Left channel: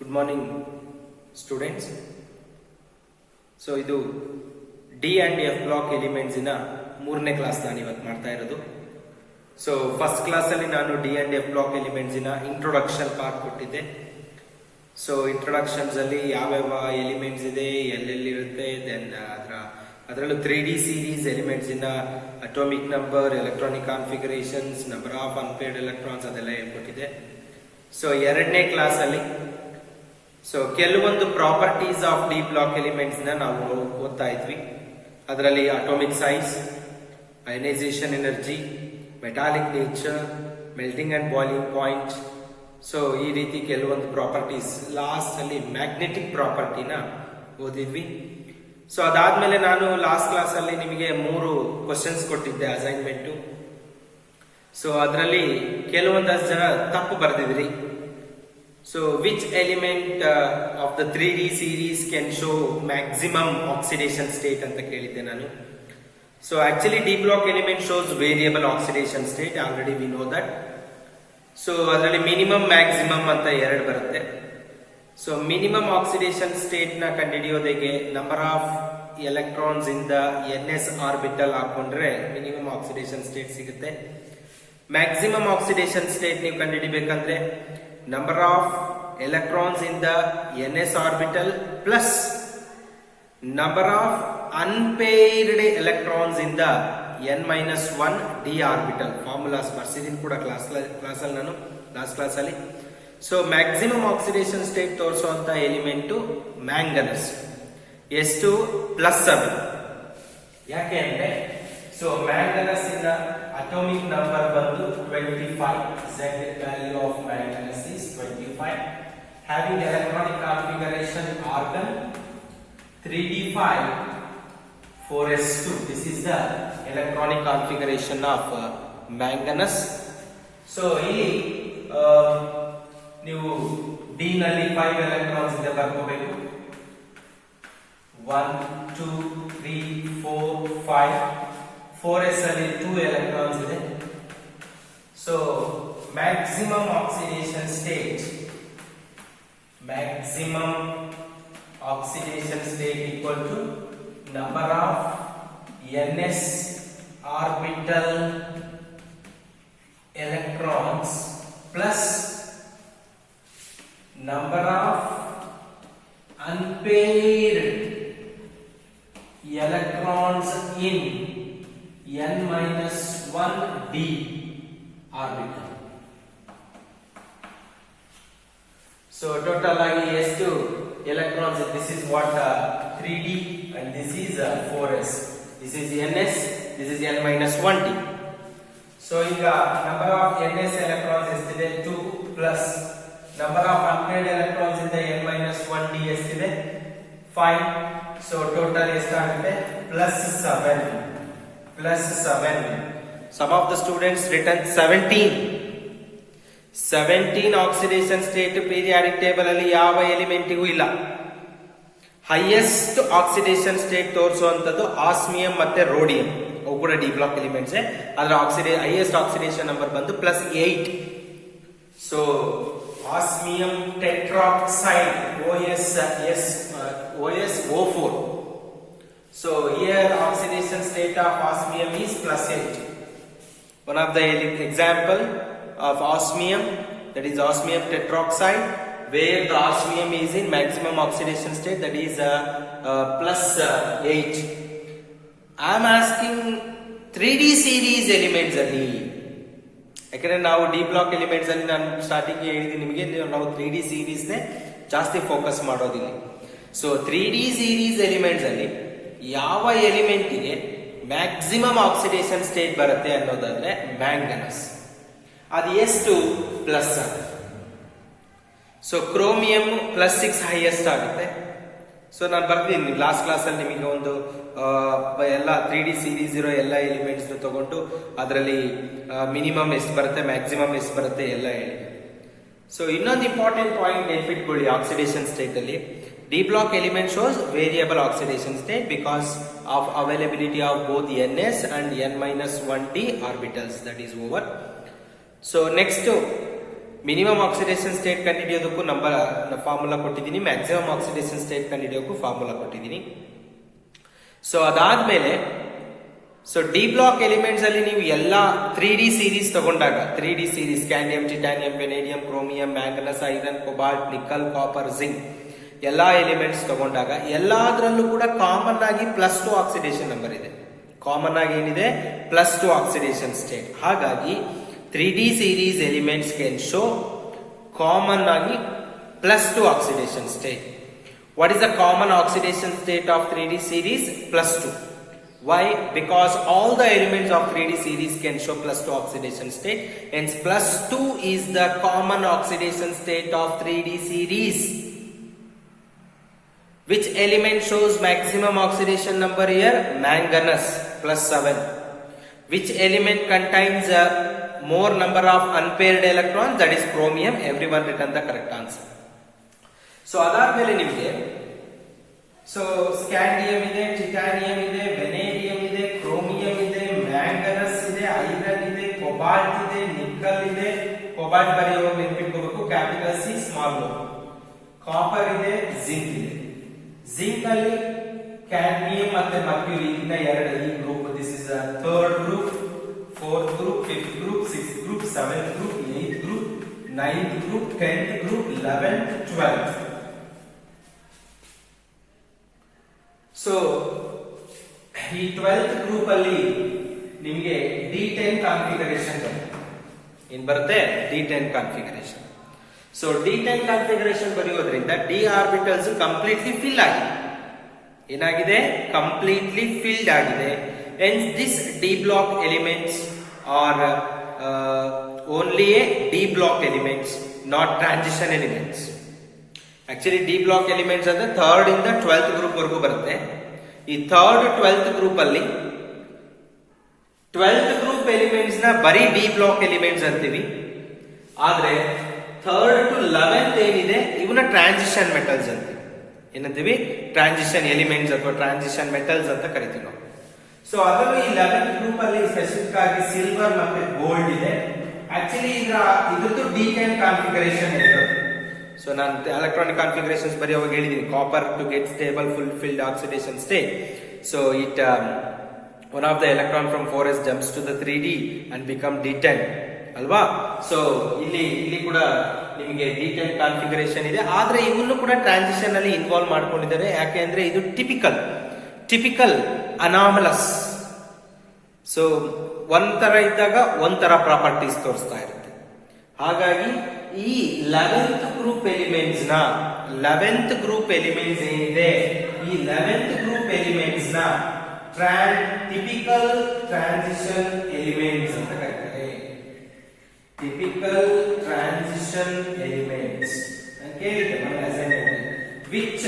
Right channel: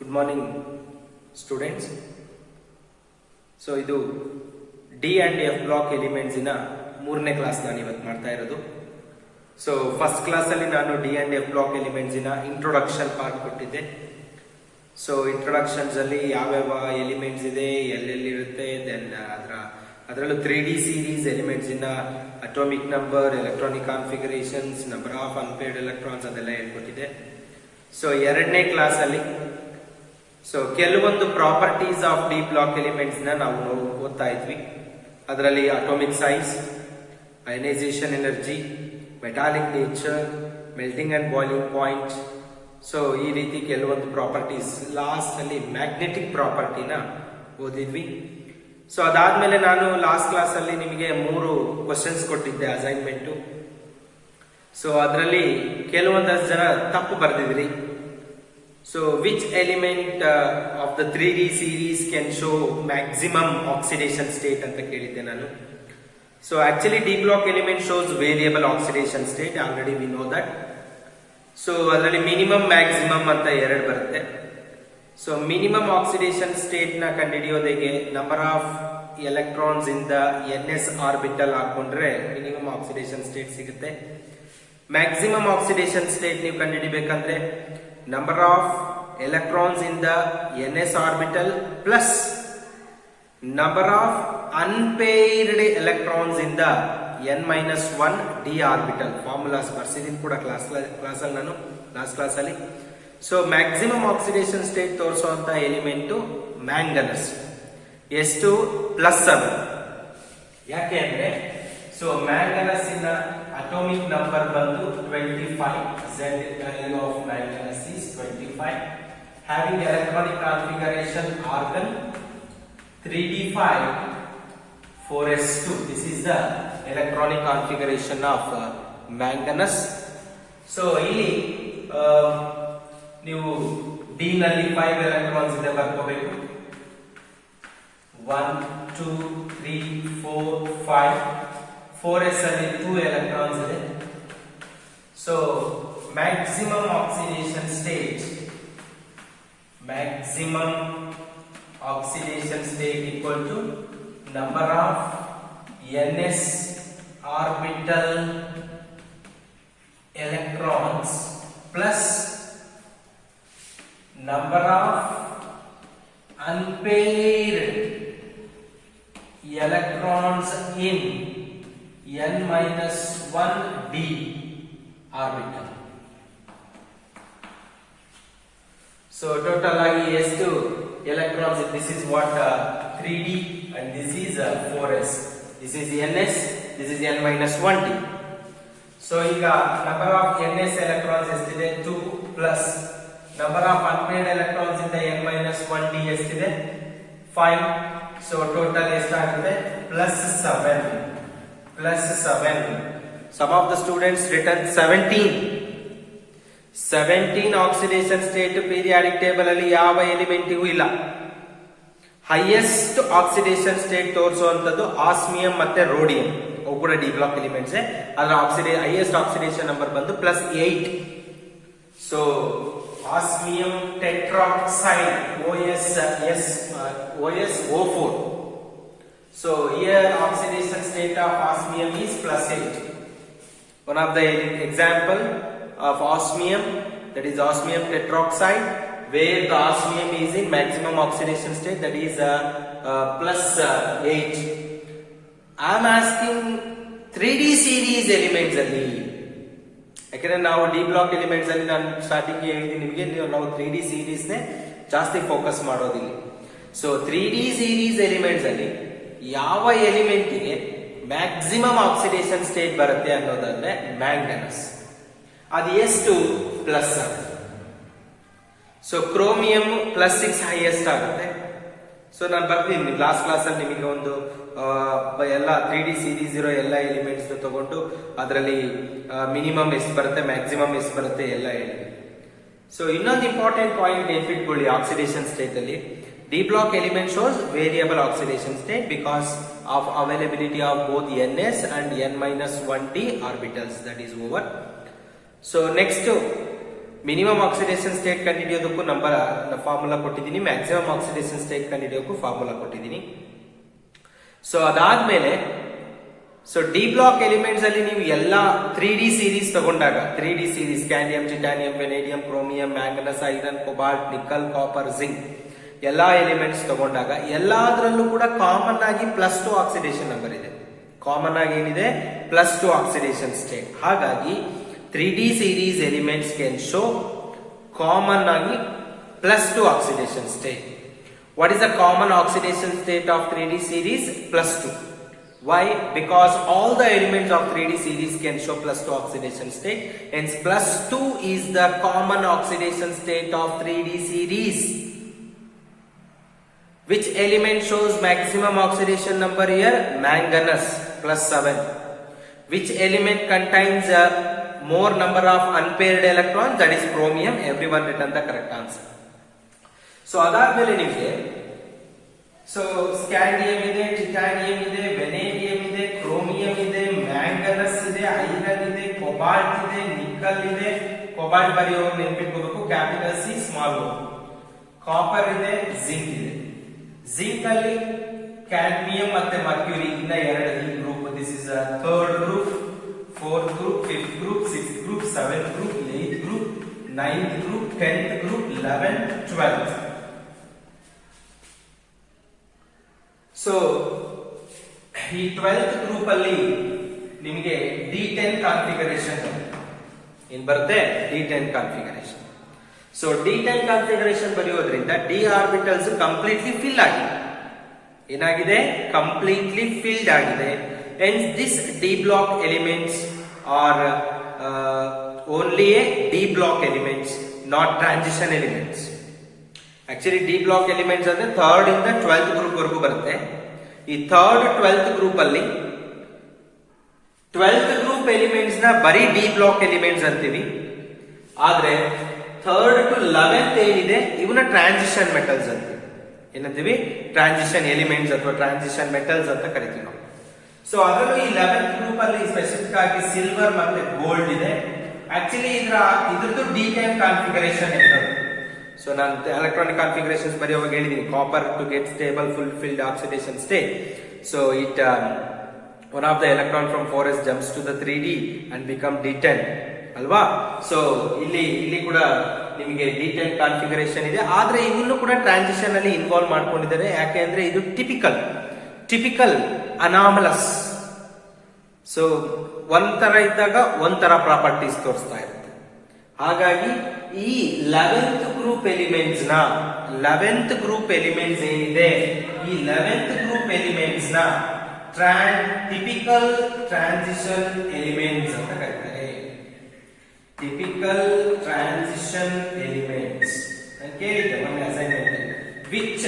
Good morning students. So ಇದು D and F block elements ಇನ 3ನೇ ಕ್ಲಾಸ್ ನಾನು ಇವತ್ತು ಮಾಡ್ತಾ ಇರೋದು. ಸೊ ಫಸ್ಟ್ ಕ್ಲಾಸ್ ಅಲ್ಲಿ ನಾನು D and F block elements ಇನ ಇಂಟ್ರೊಡಕ್ಷನ್ ಪಾರ್ಟ್ ಕೊಟ್ಟಿದ್ದೆ. ಸೊ ಇಂಟ್ರೊಡಕ್ಷನ್ಸ್ ಅಲ್ಲಿ ಯಾವ್ಯಾವ ಎಲಿಮೆಂಟ್ಸ್ ಇದೆ, ಎಲ್ಲೆಲ್ಲಿರುತ್ತೆ, ದೆನ್ ಅದರಲ್ಲೂ 3D ಸೀರೀಸ್ ಎಲಿಮೆಂಟ್ಸ್ ಇನ atomic number, electronic configurations, number of unpaired electrons ಅದೆಲ್ಲ ಹೇಳ್ಕೊಟ್ಟಿದೆ. ಸೊ 2ನೇ ಕ್ಲಾಸ್ ಅಲ್ಲಿ ಕೆಲವೊಂದು properties of D block elements ನ ನಾವು ಓದ್ತಾ ಇದ್ವಿ. ಅದರಲ್ಲಿ atomic size, ionization energy, metallic nature, melting and boiling point. So ಈ ರೀತಿ ಕೆಲವೊಂದು ಪ್ರಾಪರ್ಟೀಸ್, ಲಾಸ್ಟ್ ಅಲ್ಲಿ ಮ್ಯಾಗ್ನೆಟಿಕ್ ಪ್ರಾಪರ್ಟಿನ ಓದಿದ್ವಿ. ಸೊ ಅದಾದ್ಮೇಲೆ ನಾನು ಲಾಸ್ಟ್ ಕ್ಲಾಸ್ ಅಲ್ಲಿ ನಿಮಗೆ 3 ಕ್ವಶನ್ಸ್ ಕೊಟ್ಟಿದ್ದೆ ಅಸೈನ್ಮೆಂಟ್. ಸೊ ಅದರಲ್ಲಿ ಕೆಲವೊಂದಷ್ಟು ಜನ ತಪ್ಪು ಬರೆದಿದ್ರಿ. So which element of the 3D series can show maximum oxidation state ಅಂತ ಕೇಳಿದ್ದೆ ನಾನು. So actually D block element shows variable oxidation state, already we know that. So ಅದರಲ್ಲಿ ಮಿನಿಮಮ್ ಮ್ಯಾಕ್ಸಿಮಮ್ ಅಂತ 2 ಬರುತ್ತೆ. ಸೊ ಮಿನಿಮಮ್ ಆಕ್ಸಿಡೇಷನ್ ಸ್ಟೇಟ್ ನ ಕಂಡುಹಿಡಿಯೋದಕ್ಕೆ number of electrons ಇಂದ NS orbital ಹಾಕೊಂಡ್ರೆ ಮಿನಿಮಮ್ ಆಕ್ಸಿಡೇಷನ್ ಸ್ಟೇಟ್ ಸಿಗುತ್ತೆ. ಮ್ಯಾಕ್ಸಿಮಮ್ ಆಕ್ಸಿಡೇಷನ್ ಸ್ಟೇಟ್ ನೀವು ಕಂಡುಹಿಡಿಬೇಕಂದ್ರೆ ನಂಬರ್ ಆಫ್ ಎಲೆಕ್ಟ್ರಾನ್ಸ್ ಇಂದ NS orbital plus number of unpaired electrons ಇಂದ N-1 ಡಿ ಆರ್ಬಿಟಲ್. ಫಾರ್ಮುಲಾಸ್ ಬರ್ಸಿದೀನಿ ಕೂಡ ಕ್ಲಾಸಲ್ಲಿ ನಾನು ಲಾಸ್ಟ್ ಕ್ಲಾಸ್ ಅಲ್ಲಿ. ಸೊ ಮ್ಯಾಕ್ಸಿಮಮ್ ಆಕ್ಸಿಡೇಷನ್ ಸ್ಟೇಟ್ ತೋರಿಸುವಂತ ಎಲಿಮೆಂಟ್ ಮ್ಯಾಂಗನಸ್, ಎಷ್ಟು +7. ಯಾಕೆ ಅಂದ್ರೆ ಸೊ ಮ್ಯಾಂಗನಸ್ ಇಂದ ಅಟೋಮಿಕ್ ನಂಬರ್ ಬಂದು 25. Z value of manganese is 25. Having electronic configuration argon 3d5 4s2. This is the electronic configuration of manganese. So ಇಲ್ಲಿ ನೀವು D ನಲ್ಲಿ 5 ಎಲೆಕ್ಟ್ರಾನ್ಸ್ ಇದೆ ಬರ್ಕೋಬೇಕು. 1 2 3 4 5. 4s ಅಲ್ಲಿ 2 ಎಲೆಕ್ಟ್ರಾನ್ಸ್ ಇದೆ. So maximum oxidation state equal to number of NS orbital electrons plus number of unpaired electrons in N-1 d orbital. So total ಆಗಿ ಎಷ್ಟು electrons? This is what 3d and this is 4s. This is NS, this is N-1 d. So ಈಗ number of NS electrons ಎಷ್ಟಿದೆ? 2 plus number of unpaired electrons in the N-1 d ಎಷ್ಟಿದೆ? 5. So total ಎಷ್ಟಾಗುತ್ತೆ? +7. Some of the students written 17 oxidation state periodic table ಅಲ್ಲಿ ಯಾವ ಎಲಿಮೆಂಟಿಗೂ ಇಲ್ಲ. Highest oxidation state ತೋರಿಸುವಂತದ್ದು osmium ಮತ್ತೆ rhodium, ಅವು ಕೂಡ ಡಿ ಬ್ಲಾಕ್ ಎಲಿಮೆಂಟ್ಸ್. ಅದರ ಹೈಯೆಸ್ಟ್ ಆಕ್ಸಿಡೇಷನ್ ನಂಬರ್ ಬಂದು +8. So osmium tetroxide OSO4. So here oxidation state of osmium is +8. One of the example of osmium, that is osmium tetroxide, where the osmium is in maximum oxidation state, that is +8. I am asking 3D series elements ಅಲ್ಲಿ, ಯಾಕಂದ್ರೆ ನಾವು D block elements ಅಲ್ಲಿ ನಾನು starting ಹೇಳಿದ್ದೀನಿ ನಿಮಗೆ, ನಾವು 3D series ನೇ ಜಾಸ್ತಿ ಫೋಕಸ್ ಮಾಡೋದಿಲ್ಲ. ಸೊ 3D ಸೀರೀಸ್ ಎಲಿಮೆಂಟ್ಸ್ ಅಲ್ಲಿ ಯಾವ ಎಲಿಮೆಂಟಿಗೆ ಮ್ಯಾಕ್ಸಿಮಮ್ ಆಕ್ಸಿಡೇಷನ್ ಸ್ಟೇಟ್ ಬರುತ್ತೆ ಅನ್ನೋದಾದ್ರೆ ಮ್ಯಾಂಗನಸ್. ಅದು ಎಷ್ಟು? +7. ಸೊ ಕ್ರೋಮಿಯಂ +6 ಹೈಯೆಸ್ಟ್ ಆಗುತ್ತೆ. ಸೊ ನಾನು ಬರ್ತೀನಿ ಲಾಸ್ಟ್ ಕ್ಲಾಸ್ ಅಲ್ಲಿ ನಿಮಗೆ ಒಂದು ಎಲ್ಲ 3D ಸೀರೀಸ್ ಇರೋ ಎಲ್ಲ ಎಲಿಮೆಂಟ್ಸ್ ತಗೊಂಡು ಅದರಲ್ಲಿ ಮಿನಿಮಮ್ ಎಷ್ಟು ಬರುತ್ತೆ, ಮ್ಯಾಕ್ಸಿಮಮ್ ಎಷ್ಟು ಬರುತ್ತೆ ಎಲ್ಲ ಹೇಳಿ. ಸೊ ಇನ್ನೊಂದು ಇಂಪಾರ್ಟೆಂಟ್ ಪಾಯಿಂಟ್ ನೆನ್ಪಿಟ್ಕೊಳ್ಳಿ, ಆಕ್ಸಿಡೇಷನ್ ಸ್ಟೇಟ್ ಅಲ್ಲಿ D block element shows variable oxidation state because of availability of both NS and N-1 d orbitals, that is over. So next minimum oxidation state ಕಂಡುಹಿಡಿಯೋದಕ್ಕೂ formula ಕೊಟ್ಟಿದ್ದೀನಿ, maximum oxidation state ಕಂಡುಹಿಡಿಯೋಕ್ಕೂ formula ಕೊಟ್ಟಿದ್ದೀನಿ. So ಅದಾದ್ಮೇಲೆ d block elements ಅಲ್ಲಿ ನೀವು ಎಲ್ಲ 3D series ತಗೊಂಡಾಗ 3D series ಕ್ಯಾಲಿಯಂ, titanium, vanadium, chromium, manganese, iron, cobalt, nickel, copper, zinc ಎಲ್ಲಾ ಎಲಿಮೆಂಟ್ಸ್ ತಗೊಂಡಾಗ ಎಲ್ಲಾದ್ರಲ್ಲೂ ಕೂಡ ಕಾಮನ್ ಆಗಿ +2 ಆಕ್ಸಿಡೇಷನ್ ನಂಬರ್ ಇದೆ. ಕಾಮನ್ ಆಗಿ ಏನಿದೆ? +2 ಆಕ್ಸಿಡೇಷನ್ ಸ್ಟೇಟ್. ಹಾಗಾಗಿ 3D series elements can show common ಆಗಿ +2 oxidation state. What is the common oxidation state of 3D series? +2. Why? Because all the elements of 3D series can show +2 oxidation state. Hence +2 is the common oxidation state of 3D series. Which element shows maximum oxidation number here? Manganese +7. Which element contains a more number of unpaired electrons? That is chromium. Everyone written the correct answer. So ಅದಾದ್ಮೇಲೆ ನಿಮಗೆ scandium ಇದೆ, titanium ಇದೆ, ವೆನೇಡಿಯಂ ಇದೆ, chromium ಇದೆ, manganese ಇದೆ, iron ಇದೆ, cobalt ಇದೆ, ನಿಕಲ್ ಇದೆ. ಕೊಬಾಲ್ಟ್ ಬರೆಯುವಾಗ ನೆನ್ಪಿಟ್ಕೋಬೇಕು, ಕ್ಯಾಪಿಟಲ್ ಸಿ ಸ್ಮಾಲ್ ಓ. ಕಾಪರ್ ಇದೆ, ಜಿಂಕ್ ಇದೆ. ಜಿಂಕ್ ಅಲ್ಲಿ ಕ್ಯಾಡ್ಮಿಯಂ ಮತ್ತೆ ಮರ್ಕ್ಯೂರಿ ಇಂದ ಎರಡು ಈ group. This is third group, fourth group, fifth group, sixth group, seventh group, eight group, 9th group, 10th group, 11th, 12th. So ಈ 12th group ಅಲ್ಲಿ ನಿಮಗೆ D10 ಕಾನ್ಫಿಗರೇಷನ್ ಏನ್ ಬರುತ್ತೆ? D10 configuration. So D10 configuration ಬರೆಯೋದ್ರಿಂದ d orbitals completely fill ಆಗಿದೆ. ಏನಾಗಿದೆ? Completely filled ಆಗಿದೆ. Hence this D block elements are only a D block elements, not transition elements. Actually D block elements ಅಂದ್ರೆ 3rd ಇಂದ 12th group ವರೆಗೂ ಬರುತ್ತೆ. ಈ 3rd 12th group ಅಲ್ಲಿ 12th ಗ್ರೂಪ್ ಎಲಿಮೆಂಟ್ಸ್ ನ ಬರೀ D block ಎಲಿಮೆಂಟ್ಸ್ ಅಂತೀವಿ. ಆದ್ರೆ 3rd to 11th ಏನಿದೆ ಇವನ್ನ ಟ್ರಾನ್ಸಿಷನ್ ಮೆಟಲ್ಸ್ ಅಂತೀವಿ. ಏನಂತೀವಿ? ಟ್ರಾನ್ಸಿಷನ್ ಎಲಿಮೆಂಟ್ಸ್ ಅಥವಾ ಟ್ರಾನ್ಸಿಷನ್ ಮೆಟಲ್ಸ್ ಅಂತ ಕರಿತೀವಿ ನಾವು. ಸೊ ಅದರಲ್ಲೂ ಈ 11th ಗ್ರೂಪ್ ಅಲ್ಲಿ ಸ್ಪೆಸಿಫಿಕ್ ಆಗಿ ಸಿಲ್ವರ್ ಮತ್ತೆ ಗೋಲ್ಡ್ ಇದೆ. ಆಕ್ಚುಲಿ ಇದ್ರದ್ದು D10 ಕಾನ್ಫಿಗರೇಷನ್ ಇರೋದು. ಸೊ ನಾನು ಎಲೆಕ್ಟ್ರಾನಿಕ್ ಕಾನ್ಫಿಗರೇಷನ್ಸ್ ಬರೆಯುವಾಗ ಹೇಳಿದೀನಿ, copper to get stable full filled oxidation state. So it one of the electron from 4s jumps to the 3D and become D10 ಅಲ್ವಾ. So ಇಲ್ಲಿ ಕೂಡ ನಿಮಗೆ D10 ಕಾನ್ಫಿಗರೇಷನ್ ಇದೆ. ಆದ್ರೆ ಇವನ್ನು ಕೂಡ ಟ್ರಾನ್ಸಿಷನ್ ಅಲ್ಲಿ ಇನ್ವಾಲ್ವ್ ಮಾಡ್ಕೊಂಡಿದ್ದಾರೆ. ಯಾಕೆ ಅಂದ್ರೆ ಇದು ಟಿಪಿಕಲ್ ಅನಾಮಲಸ್. ಸೊ ಒಂಥರ ಇದ್ದಾಗ ಒಂಥರ ಪ್ರಾಪರ್ಟೀಸ್ ತೋರಿಸ್ತಾ ಇರುತ್ತೆ. ಹಾಗಾಗಿ ಈ 11th ಗ್ರೂಪ್ ಎಲಿಮೆಂಟ್ಸ್ ಏನಿದೆ, ಈ 11th ಗ್ರೂಪ್ ಎಲಿಮೆಂಟ್ಸ್ ನ ಟಿಪಿಕಲ್ ಟ್ರಾನ್ಸಿಷನ್ ಎಲಿಮೆಂಟ್ಸ್ ಅಂತ ಕರೀತಾರೆ. ಟಿಪಿಕಲ್ ಟ್ರಾನ್ಸಿಷನ್ ಎಲಿಮೆಂಟ್ಸ್ ಕೇಳಿದ್ದೆ ಮೊನ್ನೆ assignment. Which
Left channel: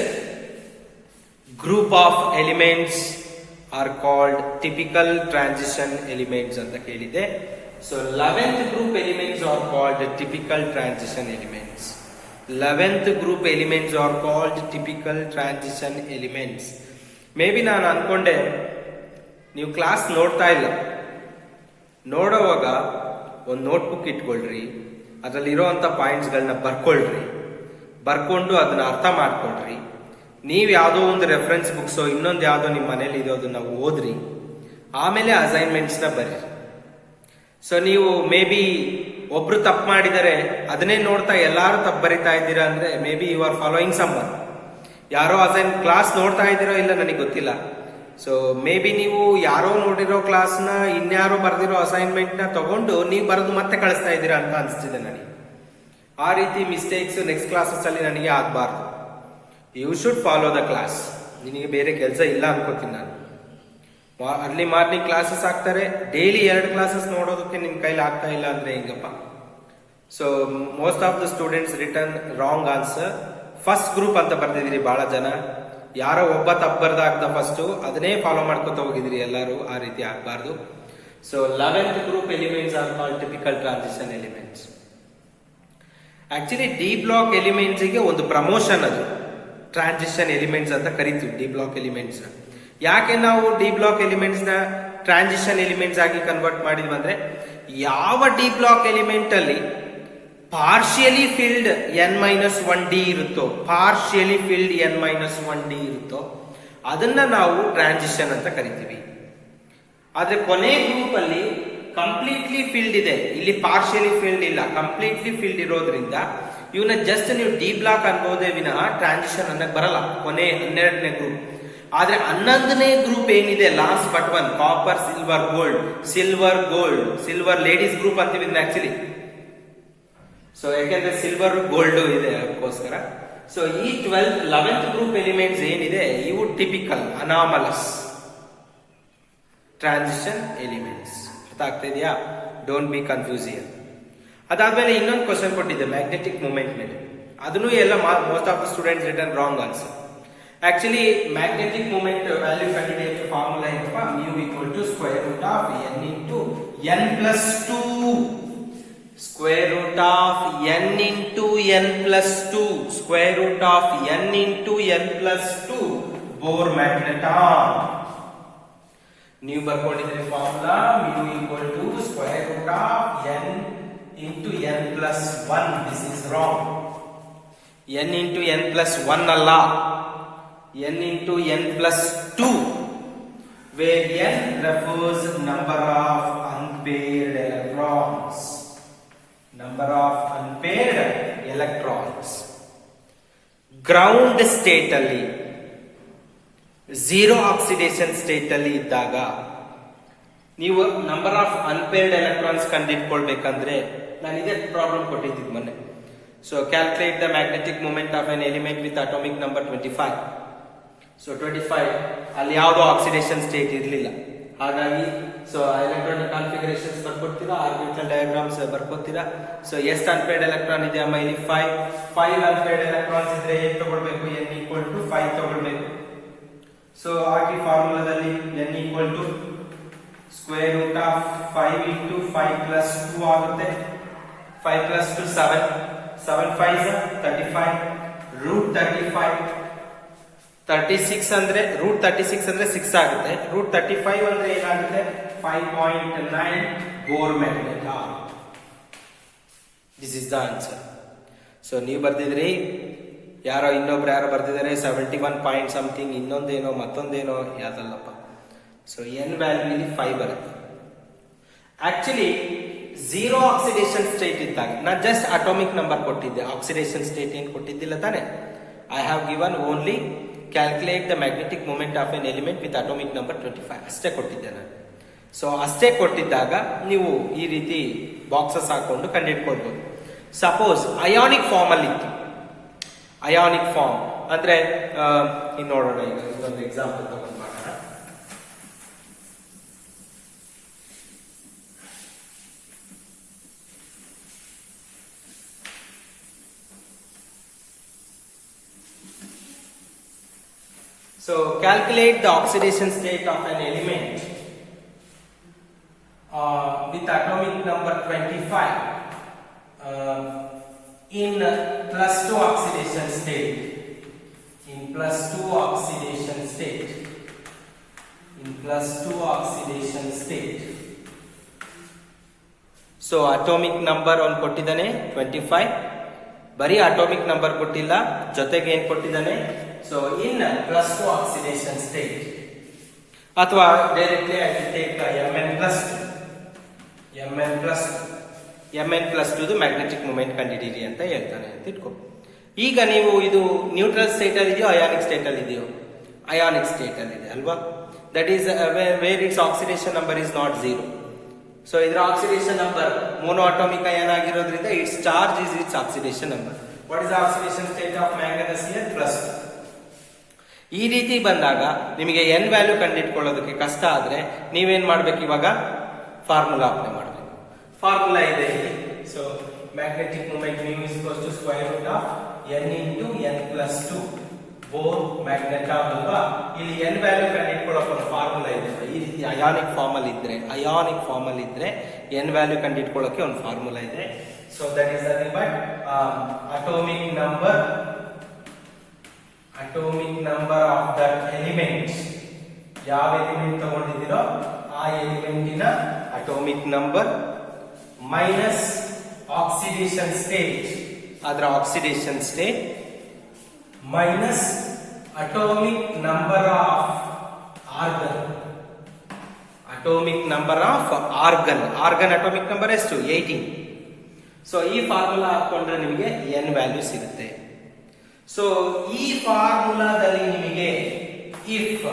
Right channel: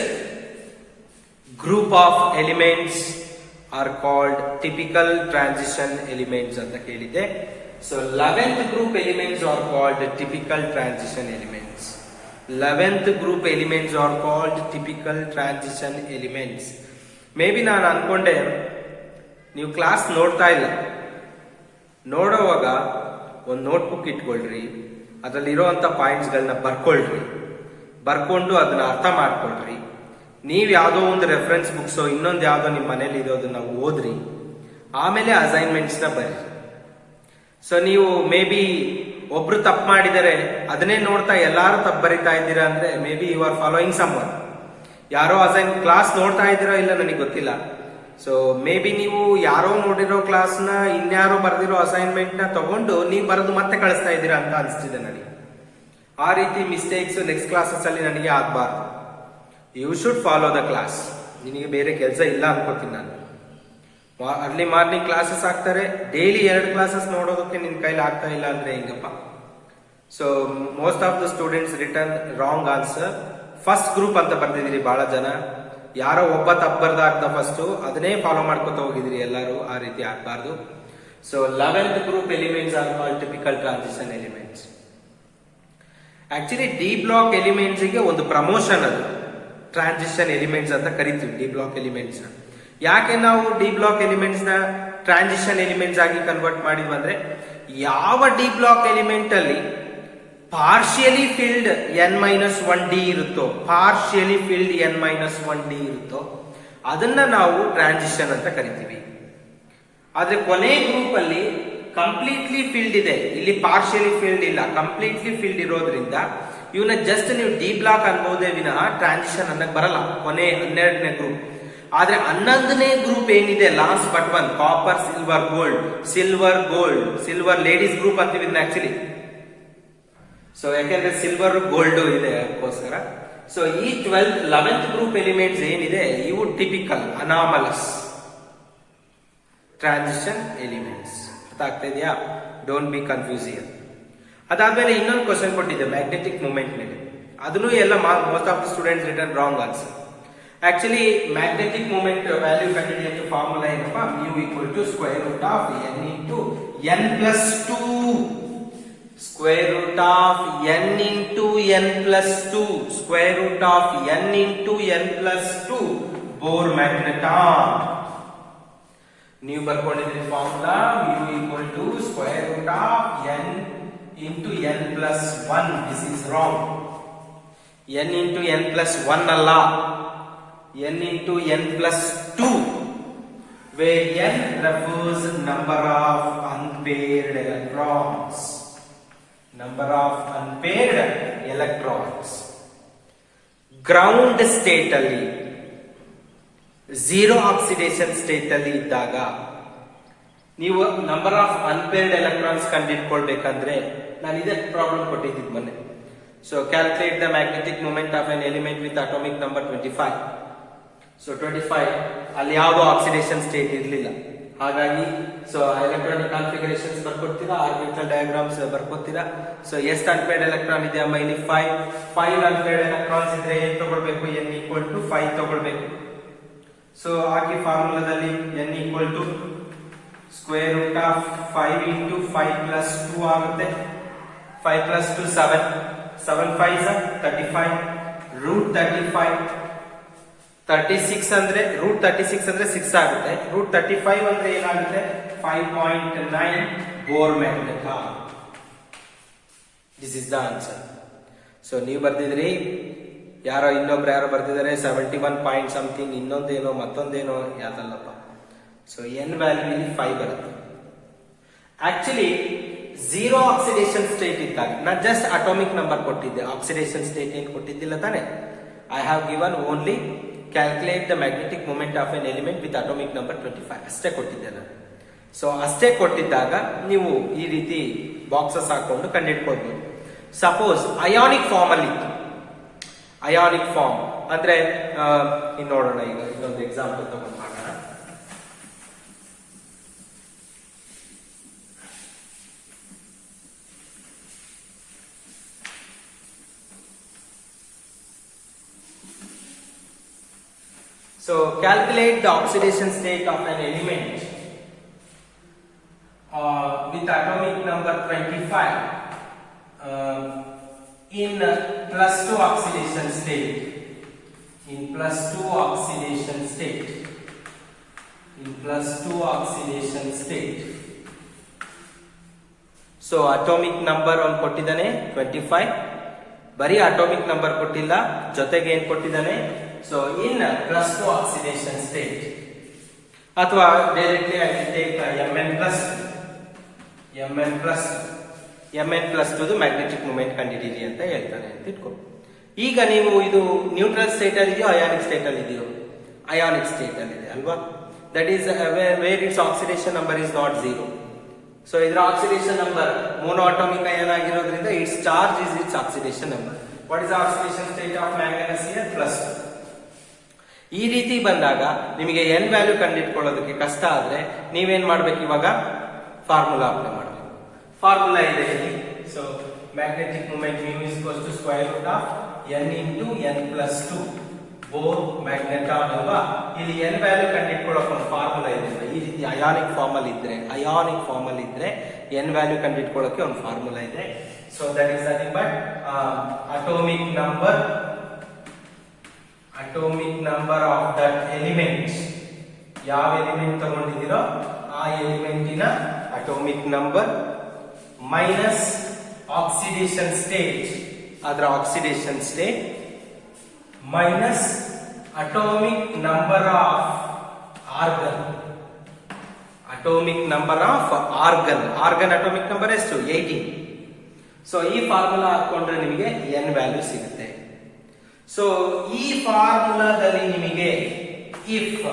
group of elements are called typical transition elements ಅಂತ ಕೇಳಿದೆ. So 11th group elements are called typical transition elements. 11th group elements are called typical transition elements. May be ನಾನು ಅನ್ಕೊಂಡೆ ನೀವು class ನೋಡ್ತಾ ಇಲ್ಲ, ನೋಡೋವಾಗ ಒಂದು ನೋಟ್ಬುಕ್ ಇಟ್ಕೊಳ್ರಿ, ಅದರಲ್ಲಿ ಇರೋಂಥ ಪಾಯಿಂಟ್ಸ್ಗಳನ್ನ ಬರ್ಕೊಂಡು ಅದನ್ನ ಅರ್ಥ ಮಾಡ್ಕೊಳ್ರಿ. ನೀವ್ ಯಾವ್ದೋ ಒಂದು ರೆಫರೆನ್ಸ್ ಬುಕ್ಸ್ ಇನ್ನೊಂದು ಯಾವ್ದೋ ನಿಮ್ ಮನೇಲಿ ಇರೋದನ್ನ ಓದ್ರಿ, ಆಮೇಲೆ ಅಸೈನ್ಮೆಂಟ್ಸ್ ನ ಬರಿ. ಸೊ ನೀವು ಮೇ ಬಿ ಒಬ್ರು ತಪ್ಪು ಮಾಡಿದರೆ ಅದನ್ನೇ ನೋಡ್ತಾ ಎಲ್ಲಾರು ತಪ್ಪು ಬರಿತಾ ಇದ್ದೀರಾ ಅಂದ್ರೆ maybe you are following someone. ಯಾರೋ ಕ್ಲಾಸ್ ನೋಡ್ತಾ ಇದ್ದೀರೋ ಇಲ್ಲ ನನಗೆ ಗೊತ್ತಿಲ್ಲ. ಸೊ ಮೇ ಬಿ ನೀವು ಯಾರೋ ನೋಡಿರೋ ಕ್ಲಾಸ್ ನ ಇನ್ಯಾರೋ ಬರೆದಿರೋ ಅಸೈನ್ಮೆಂಟ್ ನ ತಗೊಂಡು ನೀವು ಬರೆದು ಮತ್ತೆ ಕಳಿಸ್ತಾ ಇದ್ದೀರಾ ಅಂತ ಅನಿಸ್ತಿದೆ ನನಗೆ. ಆ ರೀತಿ ಮಿಸ್ಟೇಕ್ಸ್ ನೆಕ್ಸ್ಟ್ ಕ್ಲಾಸಸ್ ಅಲ್ಲಿ ನನಗೆ ಆಗ್ಬಾರ್ದು. You should follow the class. ನಿನಗೆ ಬೇರೆ ಕೆಲಸ ಇಲ್ಲ ಅನ್ಕೋತೀನಿ ನಾನು. ಅರ್ಲಿ ಮಾರ್ನಿಂಗ್ ಕ್ಲಾಸಸ್ ಆಗ್ತಾರೆ, ಡೈಲಿ 2 ಕ್ಲಾಸಸ್ ನೋಡೋದಕ್ಕೆ ನಿನ್ ಕೈಲಿ ಆಗ್ತಾ ಇಲ್ಲ ಅಂದ್ರೆ ಹೆಂಗಪ್ಪ. So most of the students return wrong answer. First group ಅಂತ ಬರ್ದಿದ್ದೀರಿ ಬಹಳ ಜನ, ಯಾರೋ ಒಬ್ಬ ತಪ್ಪು ಬರ್ದಾಗ್ದ ಫಸ್ಟ್ ಅದನ್ನೇ ಫಾಲೋ ಮಾಡ್ಕೊತ ಹೋಗಿದ್ರಿ ಎಲ್ಲರೂ. ಆ ರೀತಿ ಆಗ್ಬಾರ್ದು. So 11th group elements are called typical transition elements. Actually D block elements ಗೆ ಒಂದು ಪ್ರಮೋಷನ್, ಅದು ಟ್ರಾನ್ಸಿಷನ್ ಎಲಿಮೆಂಟ್ಸ್ ಅಂತ ಕರಿತೀವಿ ಡಿ ಬ್ಲಾಕ್ ಎಲಿಮೆಂಟ್ಸ್ ನ. ಯಾಕೆ ನಾವು ಡಿ ಬ್ಲಾಕ್ ಎಲಿಮೆಂಟ್ಸ್ ನ ಟ್ರಾನ್ಸಿಷನ್ ಎಲಿಮೆಂಟ್ಸ್ ಆಗಿ ಕನ್ವರ್ಟ್ ಮಾಡಿದ್ವಿ ಅಂದ್ರೆ, ಯಾವ ಡಿ ಬ್ಲಾಕ್ ಎಲಿಮೆಂಟ್ ಅಲ್ಲಿ ಪಾರ್ಷಿಯಲಿ ಫಿಲ್ಡ್ n-1d ಇರುತ್ತೋ, ಪಾರ್ಷಿಯಲಿ ಫಿಲ್ಡ್ n-1d ಇರುತ್ತೋ ಅದನ್ನ ನಾವು ಟ್ರಾನ್ಸಿಷನ್ ಅಂತ ಕರಿತೀವಿ. ಆದ್ರೆ ಕೊನೆ ಗ್ರೂಪ್ ಅಲ್ಲಿ ಕಂಪ್ಲೀಟ್ಲಿ ಫಿಲ್ಡ್ ಇದೆ, ಇಲ್ಲಿ ಪಾರ್ಷಿಯಲಿ ಫಿಲ್ಡ್ ಇಲ್ಲ, ಕಂಪ್ಲೀಟ್ಲಿ ಫಿಲ್ಡ್ ಇರೋದ್ರಿಂದ ಇವನ್ನ ಜಸ್ಟ್ ನೀವು ಡಿ ಬ್ಲಾಕ್ ಅನ್ಬಹುದೇ ವಿನಃ ಟ್ರಾನ್ಸಿಷನ್ ಅನ್ನಕ್ ಬರಲ್ಲ ಕೊನೆ 12ನೇ ಗ್ರೂಪ್. ಆದ್ರೆ 11ನೇ ಗ್ರೂಪ್ ಏನಿದೆ last but one, copper silver gold, silver ladies group ಅಂತೀವಿ ಆಕ್ಚುಲಿ. ಸೊ ಯಾಕೆಂದ್ರೆ ಸಿಲ್ವರ್ ಗೋಲ್ಡ್ ಇದೆ ಅದಕ್ಕೋಸ್ಕರ. ಸೊ ಈ 11th ಗ್ರೂಪ್ ಎಲಿಮೆಂಟ್ಸ್ ಏನಿದೆ ಇವು ಟಿಪಿಕಲ್ ಅನಾಮಲಸ್ ಟ್ರಾನ್ಸಿಷನ್ ಎಲಿಮೆಂಟ್ಸ್. ಅರ್ಥ ಆಗ್ತಾ ಇದೆಯಾ? Don't be confused. ಅದಾದ್ಮೇಲೆ ಇನ್ನೊಂದು ಕ್ವಶನ್ ಕೊಟ್ಟಿದ್ದೆ ಮ್ಯಾಗ್ನೆಟಿಕ್ ಮೂಮೆಂಟ್ ಮೇಲೆ, ಅದನ್ನು ಎಲ್ಲ most of the students return wrong answer. Actually magnetic moment value ಕಂಡುಹಿಡಿಯಕ್ಕೆ ಫಾರ್ಮುಲಾ ಏನಪ್ಪಾ, mu equal to square root of n into n plus 2, square root of n into n plus 2, square root of n into n plus 2 Bohr magneton. ನೀವು ಬರ್ಕೊಂಡಿದ್ದೀರಿ formula mu equal to square root of n into n plus 1. This is wrong. n into n plus 1 ಅಲ್ಲ, n into n plus 2, where n refers number of unpaired electrons. Number of unpaired electrons. Ground state ಅಲ್ಲಿ zero oxidation state ಅಲ್ಲಿ ಇದ್ದಾಗ ನೀವು number of unpaired electrons ಕಂಡುಹಿಡ್ಕೊಳ್ಬೇಕಂದ್ರೆ ನಾನು ಇದೇ problem ಕೊಟ್ಟಿದ್ದೀನಿ ಮೊನ್ನೆ. So calculate the magnetic moment of an element with atomic number 25. So 25 ಅಲ್ಲಿ ಯಾವುದೋ ಆಕ್ಸಿಡೇಷನ್ ಸ್ಟೇಟ್ ಇರಲಿಲ್ಲ, ಹಾಗಾಗಿ ಸೊ ಎಲೆಕ್ಟ್ರಾನಿಕ್ ಕಾನ್ಫಿಗರೇಷನ್ಸ್ ಬರ್ಕೊಡ್ತೀರಾ, ಆರ್ಬಿಟಲ್ ಡಯಾಗ್ರಾಮ್ಸ್ ಬರ್ಕೊತೀರಾ. ಸೊ ಎಷ್ಟು ಅನ್ಪೇರ್ಡ್ ಎಲೆಕ್ಟ್ರಾನ್ ಇದೆ ಅಮ್ಮ ಇಲ್ಲಿ 5 ಅನ್ಪೇರ್ಡ್ ಎಲೆಕ್ಟ್ರಾನ್ಸ್ ಇದ್ರೆ ಏನ್ ತಗೊಳ್ಬೇಕು, n equal to 5 ತಗೊಳ್ಬೇಕು. ಸೊ ಹಾಕಿ ಫಾರ್ಮುಲಾದಲ್ಲಿ n equal to square root of 5 into 5 plus 2 ಆಗುತ್ತೆ. 5 plus 2 7, 7 5s 35, root 35, 36 ಅಂದ್ರೆ root 36 ಅಂದ್ರೆ 6 ಆಗುತ್ತೆ, root 35 ಅಂದ್ರೆ ಏನಾಗುತ್ತೆ 5.9 Bohr magneton. This is the answer. So ನೀವು ಬರ್ದಿದ್ರಿ, ಇನ್ನೊಬ್ರು ಯಾರೋ ಬರ್ದಿದ್ದಾರೆ 71 ಪಾಯಿಂಟ್ ಸಮಥಿಂಗ್, ಇನ್ನೊಂದೇನೋ ಮತ್ತೊಂದೇನೋ, ಯಾವ್ದಲ್ಲಪ್ಪ. ಸೊ ಎನ್ ವ್ಯಾಲ್ಯೂ ಇಲ್ಲಿ 5 ಬರುತ್ತೆ. ಆಕ್ಚುಲಿ ಝೀರೋ ಆಕ್ಸಿಡೇಷನ್ ಸ್ಟೇಟ್ ಇದ್ದಾಗ ನಾನು ಜಸ್ಟ್ ಅಟೋಮಿಕ್ ನಂಬರ್ ಕೊಟ್ಟಿದ್ದೆ, ಆಕ್ಸಿಡೇಷನ್ ಸ್ಟೇಟ್ ಏನ್ ಕೊಟ್ಟಿದ್ದಿಲ್ಲ ತಾನೆ. I have given only calculate the magnetic moment of an element with atomic number 25 ಅಷ್ಟೇ ಕೊಟ್ಟಿದ್ದೆ ನಾನು. ಸೊ ಅಷ್ಟೇ ಕೊಟ್ಟಿದ್ದಾಗ ನೀವು ಈ ರೀತಿ ಬಾಕ್ಸಸ್ ಹಾಕೊಂಡು ಕಂಡುಹಿಡ್ಕೊಳ್ಬಹುದು. ಸಪೋಸ್ ಅಯಾನಿಕ್ ಫಾರ್ಮ್ ಅಲ್ಲಿ ಇತ್ತು, ಅಯಾನಿಕ್ ಫಾರ್ಮ್ ಅಂದ್ರೆ ಇನ್ನು ನೋಡೋಣ, ಈಗ ಇನ್ನೊಂದು ಎಕ್ಸಾಂಪಲ್ ತಗೊಂಡು ಮಾಡೋಣ. So calculate the oxidation state of an element with atomic number 25 in plus 2 oxidation state. In plus 2 oxidation state. In plus 2 oxidation state. So atomic number on ಕೊಟ್ಟಿದ್ದಾನೆ 25, ಬರೀ ಅಟೋಮಿಕ್ ನಂಬರ್ ಕೊಟ್ಟಿಲ್ಲ, ಜೊತೆಗೆ ಏನ್ ಕೊಟ್ಟಿದ್ದಾನೆ, so in plus 2 oxidation state. ಅಥವಾ directly I will take mn plus 2 magnetic moment ಕಂಡುಹಿಡಿಯಿರಿ ಅಂತ ಹೇಳ್ತಾನೆ ಅಂತ ಇಟ್ಕೊ. ಈಗ ನೀವು ಇದು ನ್ಯೂಟ್ರಲ್ ಸ್ಟೇಟ್ ಅಲ್ಲಿ ಇದೆಯೋ ಅಯಾನಿಕ್ ಸ್ಟೇಟ್ ಅಲ್ಲಿ ಇದೆಯೋ, ಅಯಾನಿಕ್ ಸ್ಟೇಟ್ ಅಲ್ಲಿ ಇದೆ ಅಲ್ವಾ. That is where it's oxidation number is not 0. So ಇದರ oxidation number monoatomic ion ಆಗಿರೋದ್ರಿಂದ it's charge is it's oxidation number. What is oxidation state of manganese here plus 2. ಈ ರೀತಿ ಬಂದಾಗ ನಿಮಗೆ n ವ್ಯಾಲ್ಯೂ ಕಂಡುಹಿಡ್ಕೊಳ್ಳೋದಕ್ಕೆ ಕಷ್ಟ ಆದ್ರೆ ನೀವೇನ್ ಮಾಡ್ಬೇಕು, ಇವಾಗ ಫಾರ್ಮುಲಾ ಅಪ್ಲೈ ಮಾಡಬೇಕು. ಫಾರ್ಮುಲಾ ಇದೆ ಇಲ್ಲಿ. So magnetic moment mu is equals to square root of n into n plus 2 Bohr magneton ಅಲ್ವಾ. ಇಲ್ಲಿ n ವ್ಯಾಲ್ಯೂ ಕಂಡುಹಿಡ್ಕೊಳ್ಳೋಕೆ ಒಂದು ಫಾರ್ಮುಲಾ ಇದೆ. ಈ ರೀತಿ ಅಯಾನಿಕ್ ಫಾರ್ಮ್ ಅಲ್ಲಿ ಇದ್ರೆ n ವ್ಯಾಲ್ಯೂ ಕಂಡುಹಿಡ್ಕೊಳ್ಳೋಕೆ ಒಂದು ಫಾರ್ಮುಲಾ ಇದೆ. So that is nothing but atomic number of that element. ಯಾವ ಎಲಿಮೆಂಟ್ ತಗೊಂಡಿದ್ದೀರೋ ಆ ಎಲಿಮೆಂಟಿನ atomic number minus oxidation state, ಅದರ oxidation state minus atomic number of argon. Atomic number of argon, argon atomic number ಎಷ್ಟು? 18. So ಈ formula ಹಾಕೊಂಡ್ರೆ ನಿಮಗೆ n value ಸಿಗುತ್ತೆ. ಸೊ ಈ ಫಾರ್ಮುಲಾದಲ್ಲಿ ನಿಮಗೆ ಇಫ್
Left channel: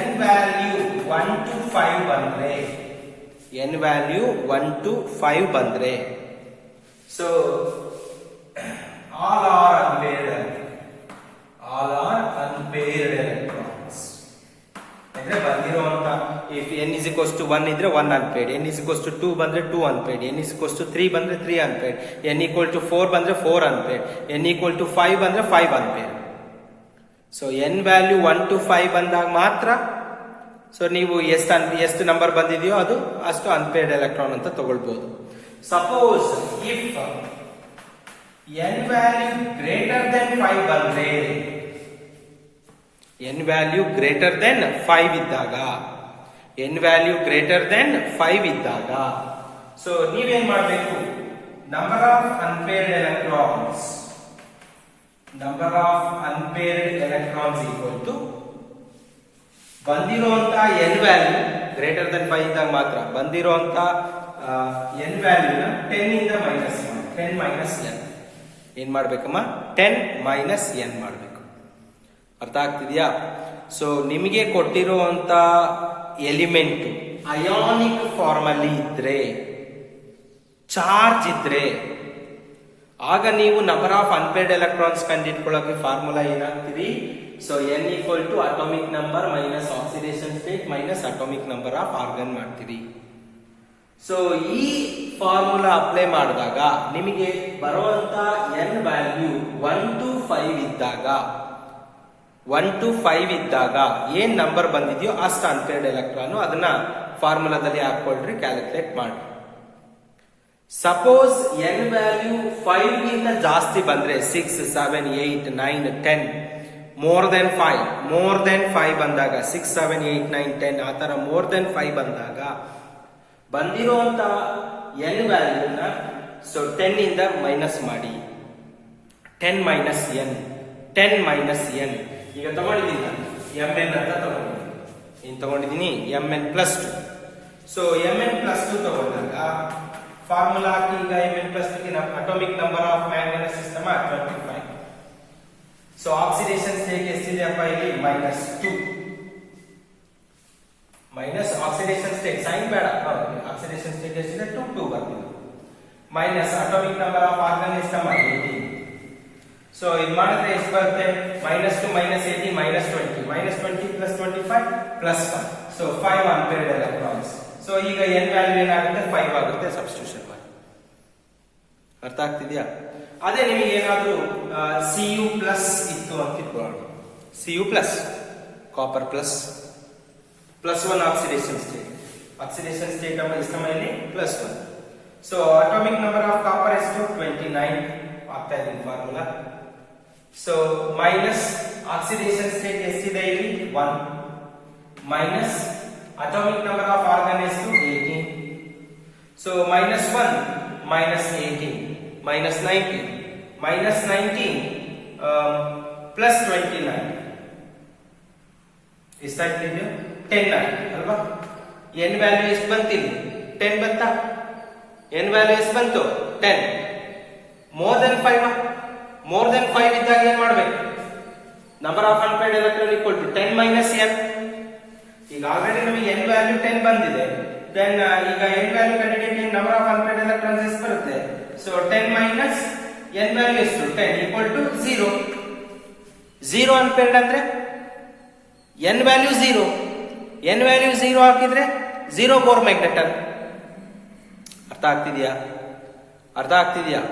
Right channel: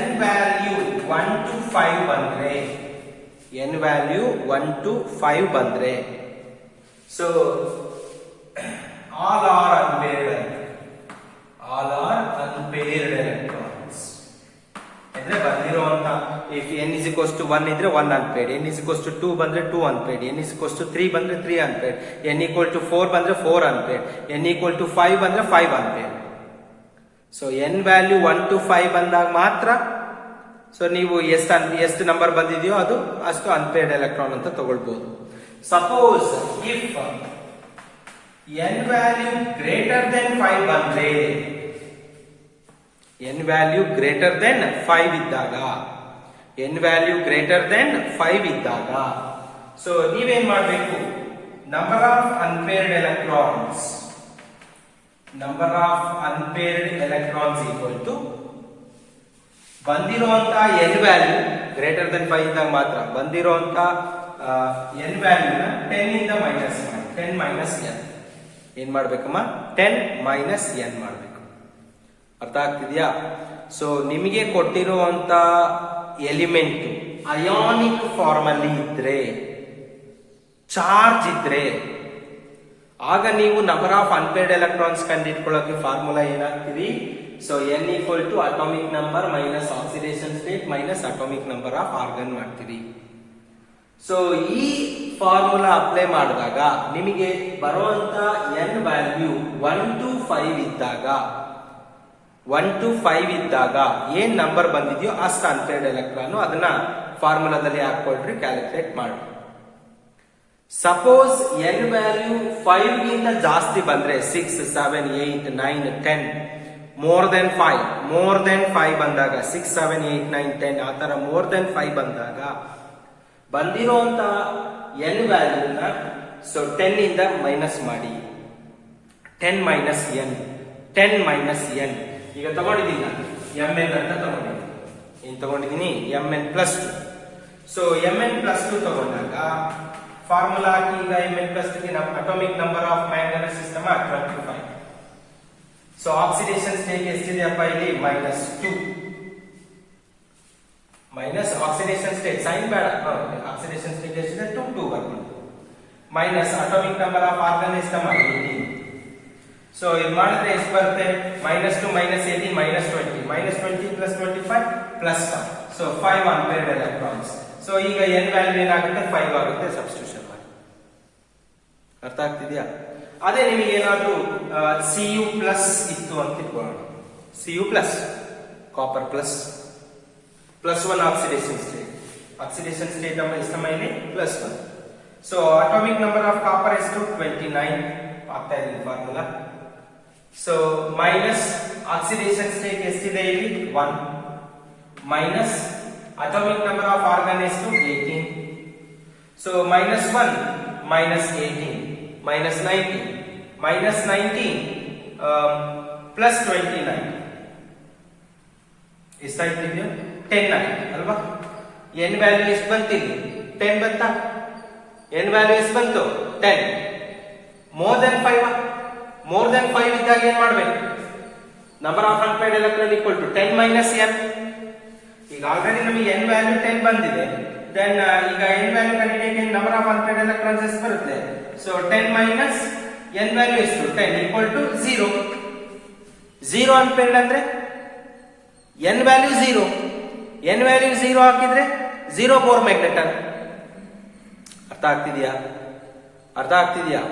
n ವ್ಯಾಲ್ಯೂ 1 to 5 ಬಂದ್ರೆ, n ವ್ಯಾಲ್ಯೂ 1 to 5 ಬಂದ್ರೆ, so all are unpaired electrons ಅಂದ್ರೆ ಬಂದಿರುವಂತ if n is equals to 1 ಇದ್ರೆ 1 unpaired, n is equals to 2 ಬಂದ್ರೆ 2 unpaired, n is equals to 3 ಬಂದ್ರೆ 3 unpaired, n equal to 4 ಬಂದ್ರೆ 4 unpaired, n equal to 5 ಬಂದ್ರೆ 5 unpaired. So n value 1 to 5 ಬಂದಾಗ ಮಾತ್ರ so ನೀವು ಎಷ್ಟು ನಂಬರ್ ಬಂದಿದೆಯೋ ಅದು ಅಷ್ಟು ಅನ್ಪೇರ್ಡ್ ಎಲೆಕ್ಟ್ರಾನ್ ಅಂತ ತಗೊಳ್ಬಹುದು. Suppose if n value greater than 5 ಬಂದ್ರೆ, n ವ್ಯಾಲ್ಯೂ ಗ್ರೇಟರ್ ದೆನ್ 5 ಇದ್ದಾಗ, n ವ್ಯಾಲ್ಯೂ ಗ್ರೇಟರ್ ದೆನ್ 5 ಇದ್ದಾಗ ಸೊ ನೀವೇನ್ ಮಾಡಬೇಕು? Number of unpaired electrons, number of unpaired electrons equal to ಬಂದಿರುವಂತ n ವ್ಯಾಲ್ಯೂ ಗ್ರೇಟರ್ ದೆನ್ 5 ಇದ್ದಾಗ ಮಾತ್ರ ಬಂದಿರುವಂತ n ವ್ಯಾಲ್ಯೂನ 10 ಇಂದ ಮೈನಸ್ ಮಾಡಿ, 10 ಮೈನಸ್ n ಏನ್ ಮಾಡ್ಬೇಕಮ್ಮ? 10 ಮೈನಸ್ n ಮಾಡ್ಬೇಕು. ಅರ್ಥ ಆಗ್ತಿದ್ಯಾ? ಸೊ ನಿಮಗೆ ಕೊಟ್ಟಿರುವಂತ ಎಲಿಮೆಂಟ್ ಅಯಾನಿಕ್ ಫಾರ್ಮ್ ಅಲ್ಲಿ ಇದ್ರೆ, ಚಾರ್ಜ್ ಇದ್ರೆ, ಆಗ ನೀವು ನಂಬರ್ ಆಫ್ ಅನ್ಪೇರ್ಡ್ ಎಲೆಕ್ಟ್ರಾನ್ಸ್ ಕಂಡುಹಿಡ್ಕೊಳ್ಳೋಕೆ ಫಾರ್ಮುಲಾ ಏನಾಗ್ತೀವಿ? So n equal to atomic number minus oxidation state minus atomic number of argon ಮಾಡ್ತೀವಿ. ಸೊ ಈ ಫಾರ್ಮುಲಾ ಅಪ್ಲೈ ಮಾಡಿದಾಗ ನಿಮಗೆ ಬರುವಂತ n ವ್ಯಾಲ್ಯೂ 1 to 5 ಇದ್ದಾಗ, 1 to 5 ಇದ್ದಾಗ ಏನ್ ನಂಬರ್ ಬಂದಿದೆಯೋ ಅಷ್ಟು ಅನ್ಪೇರ್ಡ್ ಎಲೆಕ್ಟ್ರಾನ್, ಅದನ್ನ ಫಾರ್ಮುಲಾದಲ್ಲಿ ಹಾಕೊಳ್ರಿ, ಕ್ಯಾಲ್ಕುಲೇಟ್ ಮಾಡಿ. ಸಪೋಸ್ n ವ್ಯಾಲ್ಯೂ 5 ಗಿಂತ ಜಾಸ್ತಿ ಬಂದ್ರೆ 6, 7, 8, 9, 10 ಮೋರ್ ದೆನ್ 5 ಬಂದಾಗ 6, 7, 8, 9, 10 ಆ ತರ ಮೋರ್ ದೆನ್ 5 ಬಂದಾಗ ಬಂದಿರುವಂತ n ವ್ಯಾಲ್ಯೂನ ಸೊ 10 ಇಂದ ಮೈನಸ್ ಮಾಡಿ, 10 ಮೈನಸ್ n, 10 ಮೈನಸ್ n. ಈಗ ತಗೊಂಡಿದ್ದೀನಿ ನಾನು mn ಅಂತ ತಗೊಂಡಿದ್ದೀನಿ, ಏನ್ ತಗೊಂಡಿದ್ದೀನಿ? mn plus 2. So mn plus 2 ತಗೊಂಡಾಗ ಫಾರ್ಮುಲಾ ಹಾಕಿ ಈಗ mn plus 2 atomic number of manganese system 25. So oxidation state ಎಷ್ಟಿದೆಯಪ್ಪ ಇಲ್ಲಿ? Minus 2. Minus oxidation state sign ಬೇಡ, ಆಕ್ಸಿಡೇಷನ್ ಸ್ಟೇಟ್ ಎಷ್ಟಿದೆ? 2 ಬರ್ಬೋದು. Minus atomic number of argon ಎಷ್ಟಮ್ಮ? 18. ಸೊ ಇದು ಮಾಡಿದ್ರೆ ಎಷ್ಟು ಬರುತ್ತೆ? Minus 2 minus 18 minus 20, minus 20 plus 25 plus 5. So 5 unpaired electrons. So ಈಗ n ವ್ಯಾಲ್ಯೂ ಏನಾಗುತ್ತೆ? 5 ಆಗುತ್ತೆ, ಸಬ್ಸ್ಟಿಟ್ಯೂಷನ್ ಮಾಡಿ. ಅರ್ಥ ಆಗ್ತಿದ್ಯಾ? ಅದೇ ನಿಮಗೆ ಏನಾದ್ರೂ Cu ಪ್ಲಸ್ ಇತ್ತು ಅಂತ ಇಟ್ಕೊಳ್ಳೋಣ, Cu plus copper plus 1 oxidation state, oxidation state ಅಮ್ಮ ಎಷ್ಟಮ್ಮ ಇಲ್ಲಿ? Plus 1. So atomic number of copper ಎಷ್ಟು? 29 ಆಗ್ತಾ ಇದೆ formula. So minus oxidation state ಎಷ್ಟಿದೆ ಇಲ್ಲಿ? 1 minus atomic number of argon ಎಷ್ಟು? 18. So minus 1 minus 18 minus 19 minus 19 plus 29 ಎಷ್ಟಾಗ್ತಿದೆಯೋ? 10 ಆಯ್ತು ಅಲ್ವಾ? n ವ್ಯಾಲ್ಯೂ ಎಷ್ಟು ಬಂತಿದೆ? 10 ಬಂತಾ? n ವ್ಯಾಲ್ಯೂ ಎಷ್ಟು ಬಂತು? 10. ಮೋರ್ ದೆನ್ 5, ಮೋರ್ ದೆನ್ 5 ಇದ್ದಾಗ ಏನ್ ಮಾಡ್ಬೇಕು? Number of unpaired electron equal to 10 minus n. ಈಗ ಆಲ್ರೆಡಿ ನಮಗೆ n ವ್ಯಾಲ್ಯೂ 10 ಬಂದಿದೆ, ದೆನ್ ಈಗ n ವ್ಯಾಲ್ಯೂ ಕಂಡುಹಿಡಿಯಕ್ಕೆ ನಂಬರ್ ಆಫ್ ಅನ್ಪೇರ್ಡ್ ಎಲೆಕ್ಟ್ರಾನ್ಸ್ ಎಷ್ಟು ಬರುತ್ತೆ? ಸೊ 10 ಮೈನಸ್ n ವ್ಯಾಲ್ಯೂ ಎಷ್ಟು? 10 ಈಕ್ವಲ್ ಟು 0. 0 ಅನ್ಪೇರ್ಡ್ ಅಂದ್ರೆ n ವ್ಯಾಲ್ಯೂ 0, n ವ್ಯಾಲ್ಯೂ 0 ಹಾಕಿದ್ರೆ 0 ಬೋರ್ ಮ್ಯಾಗ್ನೆಟರ್. ಅರ್ಥ ಆಗ್ತಿದ್ಯಾ? ಅರ್ಥ ಆಗ್ತಿದ್ಯಾ?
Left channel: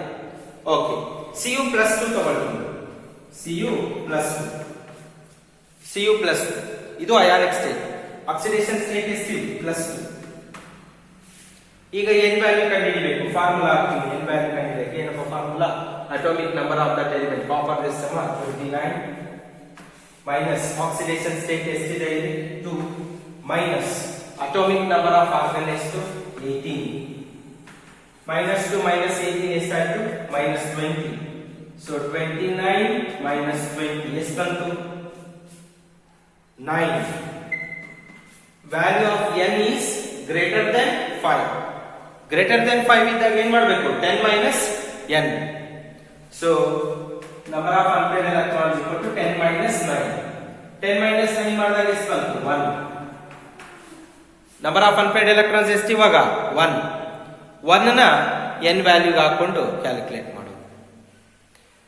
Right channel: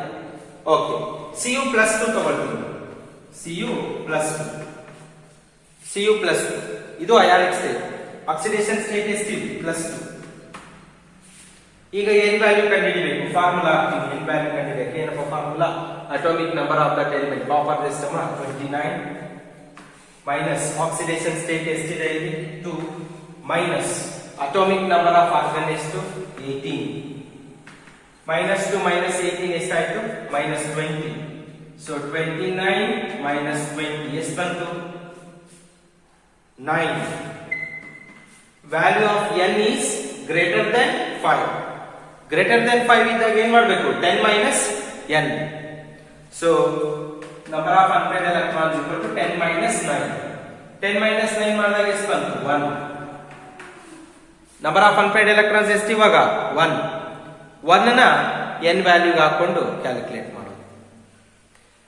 ಓಕೆ. Cu ಪ್ಲಸ್ 2 ತಗೊಳ್ತೀವಿ, Cu ಪ್ಲಸ್ 2, Cu ಪ್ಲಸ್ 2 ಇದು ಅಯಾನಿಕ್ ಸ್ಟೇಟ್. ಆಕ್ಸಿಡೇಷನ್ ಸ್ಟೇಟ್ ಎಷ್ಟು? ಪ್ಲಸ್ 2. ಈಗ n ವ್ಯಾಲ್ಯೂ ಕಂಡುಹಿಡಿಯಬೇಕು, ಫಾರ್ಮುಲಾ ಹಾಕ್ತೀನಿ. n ವ್ಯಾಲ್ಯೂ ಕಂಡುಹಿಡಿಯಕ್ಕೆ ಏನಪ್ಪ formula? Atomic number of that element copper ಎಷ್ಟಮ್ಮ? 29 ಮೈನಸ್ ಆಕ್ಸಿಡೇಷನ್ ಸ್ಟೇಟ್ ಎಷ್ಟಿದೆ ಇಲ್ಲಿ? 2 minus atomic number of argon ಎಷ್ಟು? 18 -2 -18 ಎಷ್ಟಾಯ್ತು? -20. ಸೊ 29 -20 ಎಷ್ಟು ಬಂತು? 9. Value of n is greater than 5. Greater than 5 ಇದ್ದಾಗ ಏನ್ ಮಾಡಬೇಕು? 10 minus n. So number of unpaired electrons equal to 10 minus 9. 10 minus 9 ಮಾಡಿದಾಗ ಎಷ್ಟು ಬಂತು? 1. ನಂಬರ್ ಆಫ್ ಅನ್ಪೇರ್ಡ್ ಎಲೆಕ್ಟ್ರಾನ್ಸ್ ಎಷ್ಟು ಇವಾಗ? 1. 1 ನ n ವ್ಯಾಲ್ಯೂಗೆ ಹಾಕೊಂಡು ಕ್ಯಾಲ್ಕುಲೇಟ್ ಮಾಡೋದು.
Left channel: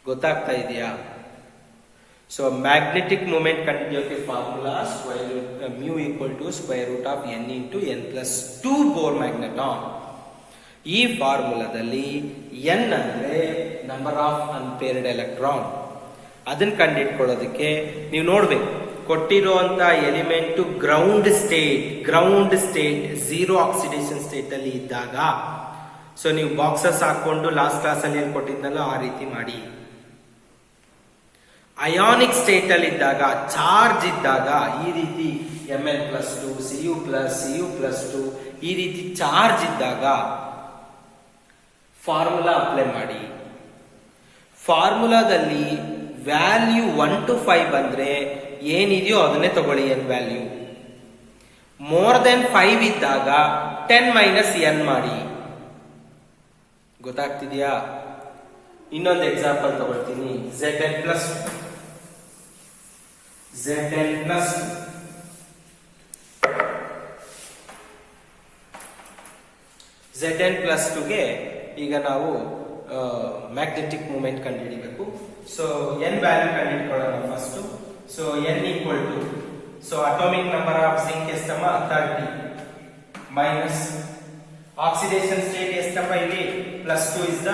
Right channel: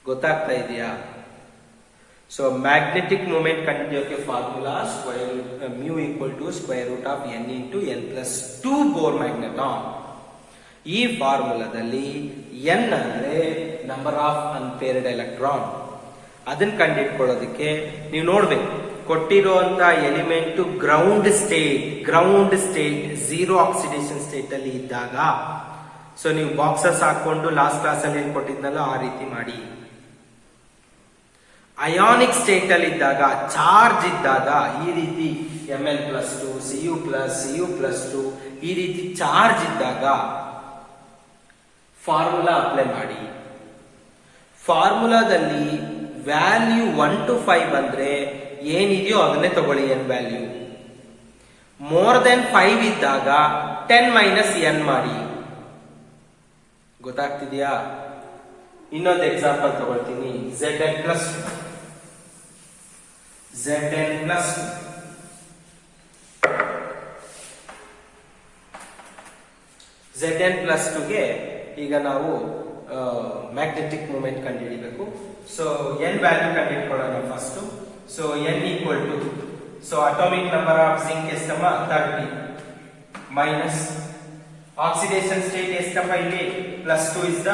ಗೊತ್ತಾಗ್ತಾ ಇದೆಯಾ? ಸೊ ಮ್ಯಾಗ್ನೆಟಿಕ್ ಮೂಮೆಂಟ್ ಕಂಡುಹಿಡಿಯೋಕೆ formula mu equal to square root of n into n plus 2 Bohr magneton. ಈ ಫಾರ್ಮುಲಾದಲ್ಲಿ n ಅಂದ್ರೆ ನಂಬರ್ ಆಫ್ ಅನ್ಪೇರ್ಡ್ ಎಲೆಕ್ಟ್ರಾನ್. ಅದನ್ನ ಕಂಡುಹಿಡ್ಕೊಳ್ಳೋದಕ್ಕೆ ನೀವು ನೋಡ್ಬೇಕು, ಕೊಟ್ಟಿರುವಂತ element ground state zero oxidation state ಅಲ್ಲಿ ಇದ್ದಾಗ, ಸೊ ನೀವು ಬಾಕ್ಸಸ್ ಹಾಕೊಂಡು ಲಾಸ್ಟ್ ಕ್ಲಾಸ್ ಅಲ್ಲಿ ಏನ್ ಕೊಟ್ಟಿದ್ನಲ್ಲ ಆ ರೀತಿ ಮಾಡಿ. ಅಯಾನಿಕ್ ಸ್ಟೇಟ್ ಅಲ್ಲಿ ಇದ್ದಾಗ, ಚಾರ್ಜ್ ಇದ್ದಾಗ ಈ ರೀತಿ Ml+2 Cu+2 ಈ ರೀತಿ ಚಾರ್ಜ್ ಇದ್ದಾಗ ಫಾರ್ಮುಲಾ ಅಪ್ಲೈ ಮಾಡಿ. ಫಾರ್ಮುಲಾದಲ್ಲಿ ವ್ಯಾಲ್ಯೂ 1 to 5 ಬಂದ್ರೆ ಏನಿದೆಯೋ ಅದನ್ನೇ ತಗೊಳ್ಳಿ n ವ್ಯಾಲ್ಯೂ. ಮೋರ್ ದೆನ್ 5 ಇದ್ದಾಗ 10 minus n ಮಾಡಿ. ಗೊತ್ತಾಗ್ತಿದ್ಯಾ? ಇನ್ನೊಂದು ಎಕ್ಸಾಂಪಲ್ ತಗೊಳ್ತೀನಿ. Zn+2 ಗೆ ಈಗ ನಾವು ಮ್ಯಾಗ್ನೆಟಿಕ್ ಮೂಮೆಂಟ್ ಕಂಡುಹಿಡಿಬೇಕು. ಸೊ n ವ್ಯಾಲ್ಯೂ ಕಂಡುಹಿಡ್ಕೊಳ್ಳೋಣ first. So n equal to, so atomic number of zinc ಎಷ್ಟಮ್ಮ? 30 ಮೈನಸ್ ಆಕ್ಸಿಡೇಷನ್ ಸ್ಟೇಟ್ ಎಷ್ಟಮ್ಮ ಇಲ್ಲಿ? +2 is the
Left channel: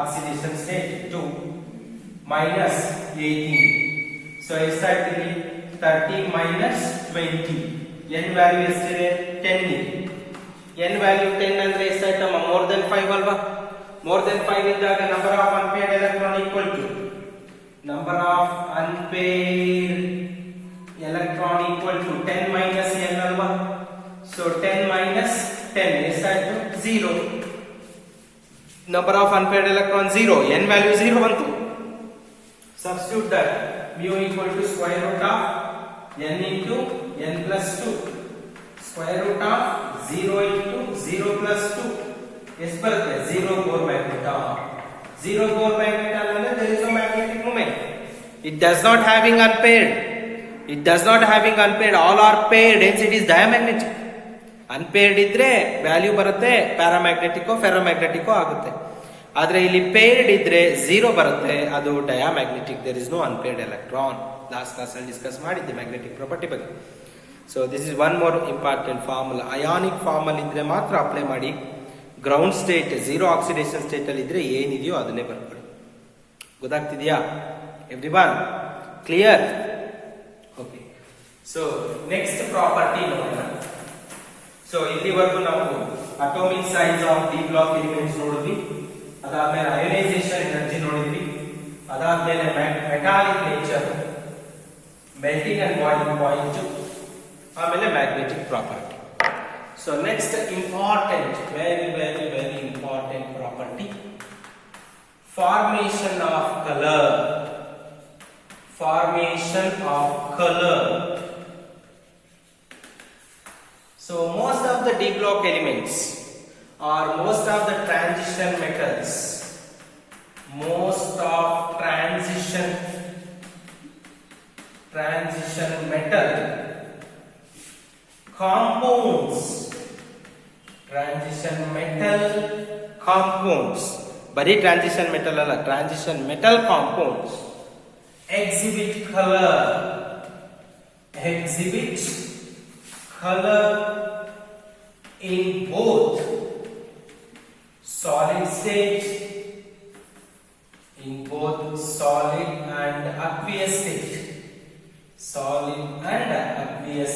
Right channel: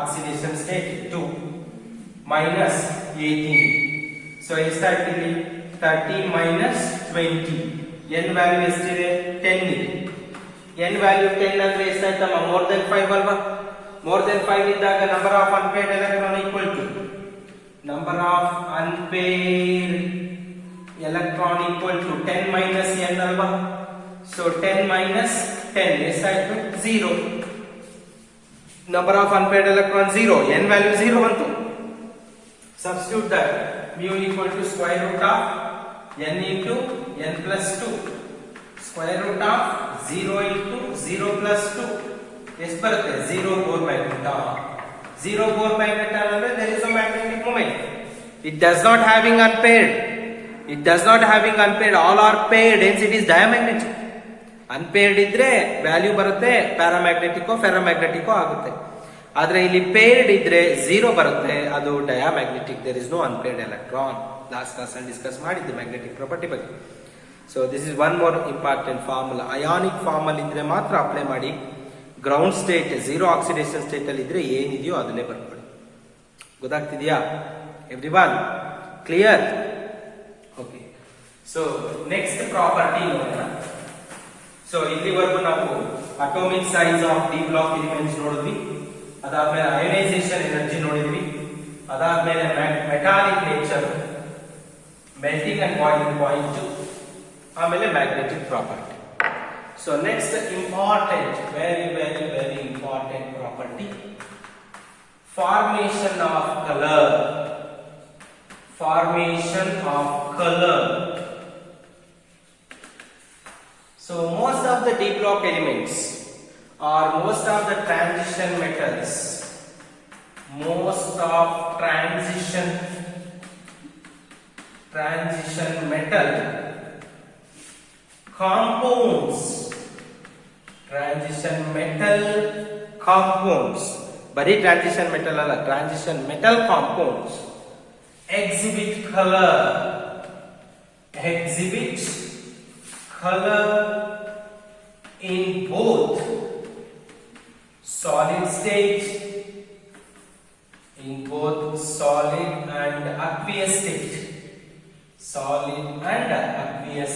oxidation state 2 minus 18. So ಎಷ್ಟಾಯ್ತು ಇಲ್ಲಿ? 30 minus 20. n ವ್ಯಾಲ್ಯೂ ಎಷ್ಟಿದೆ? 10 ಇದೆ. n ವ್ಯಾಲ್ಯೂ 10 ಅಂದ್ರೆ ಎಷ್ಟಾಯ್ತಮ್ಮ? ಮೋರ್ ದೆನ್ 5 ಅಲ್ವಾ? ಮೋರ್ ದೆನ್ 5 ಇದ್ದಾಗ number of unpaired electron equal to number of unpaired electron equal to 10 minus n ಅಲ್ವಾ? ಸೊ 10 minus 10 ಎಷ್ಟಾಯ್ತು? 0. Number of unpaired electron 0, n value 0 ಬಂತು. Substitute that mu equal to square root of n into n plus 2. Square root of 0 into 0 plus 2 ಎಷ್ಟು ಬರುತ್ತೆ? 0 Bohr magneton. 0 Bohr magneton ಅಂದ್ರೆ there is no magnetic moment. It does not having unpaired. All are paired, hence it is diamagnetic. Unpaired ಇದ್ರೆ value ಬರುತ್ತೆ, ಪ್ಯಾರಾಮ್ಯಾಗ್ನೆಟಿಕೋ ಫೆರೋಮ್ಯಾಗ್ನೆಟಿಕೋ ಆಗುತ್ತೆ. ಆದ್ರೆ ಇಲ್ಲಿ ಪೇರ್ಡ್ ಇದ್ರೆ 0 ಬರುತ್ತೆ, ಅದು diamagnetic. There is no unpaired electron. Last class ಅಲ್ಲಿ ಡಿಸ್ಕಸ್ ಮಾಡಿದ್ದೆ ಮ್ಯಾಗ್ನೆಟಿಕ್ ಪ್ರಾಪರ್ಟಿ ಬಗ್ಗೆ. So this is one more important formula. Ionic form ಅಲ್ಲಿ ಇದ್ರೆ ಮಾತ್ರ ಅಪ್ಲೈ ಮಾಡಿ. Ground state zero oxidation state ಅಲ್ಲಿ ಇದ್ರೆ ಏನಿದೆಯೋ ಅದನ್ನೇ ಬರ್ತದೆ. ಗೊತ್ತಾಗ್ತಿದ್ಯಾ everyone? Clear? Okay. So next property ನೋಡೋಣ. ಸೊ ಇಲ್ಲಿವರೆಗೂ ನಾವು atomic size of D block elements ನೋಡಿದ್ವಿ. ಅದಾದ್ಮೇಲೆ ಅಯೋನೈಸೇಷನ್ ಎನರ್ಜಿ ನೋಡಿದ್ವಿ. ಅದಾದ್ಮೇಲೆ metallic nature, melting and boiling point, ಆಮೇಲೆ magnetic property. So next important, very very very important property, formation of colour. So most of the D block elements or most of the transition metals, transition metal compounds, bari transition metal alla, transition metal compounds exhibit color in both solid state, and aqueous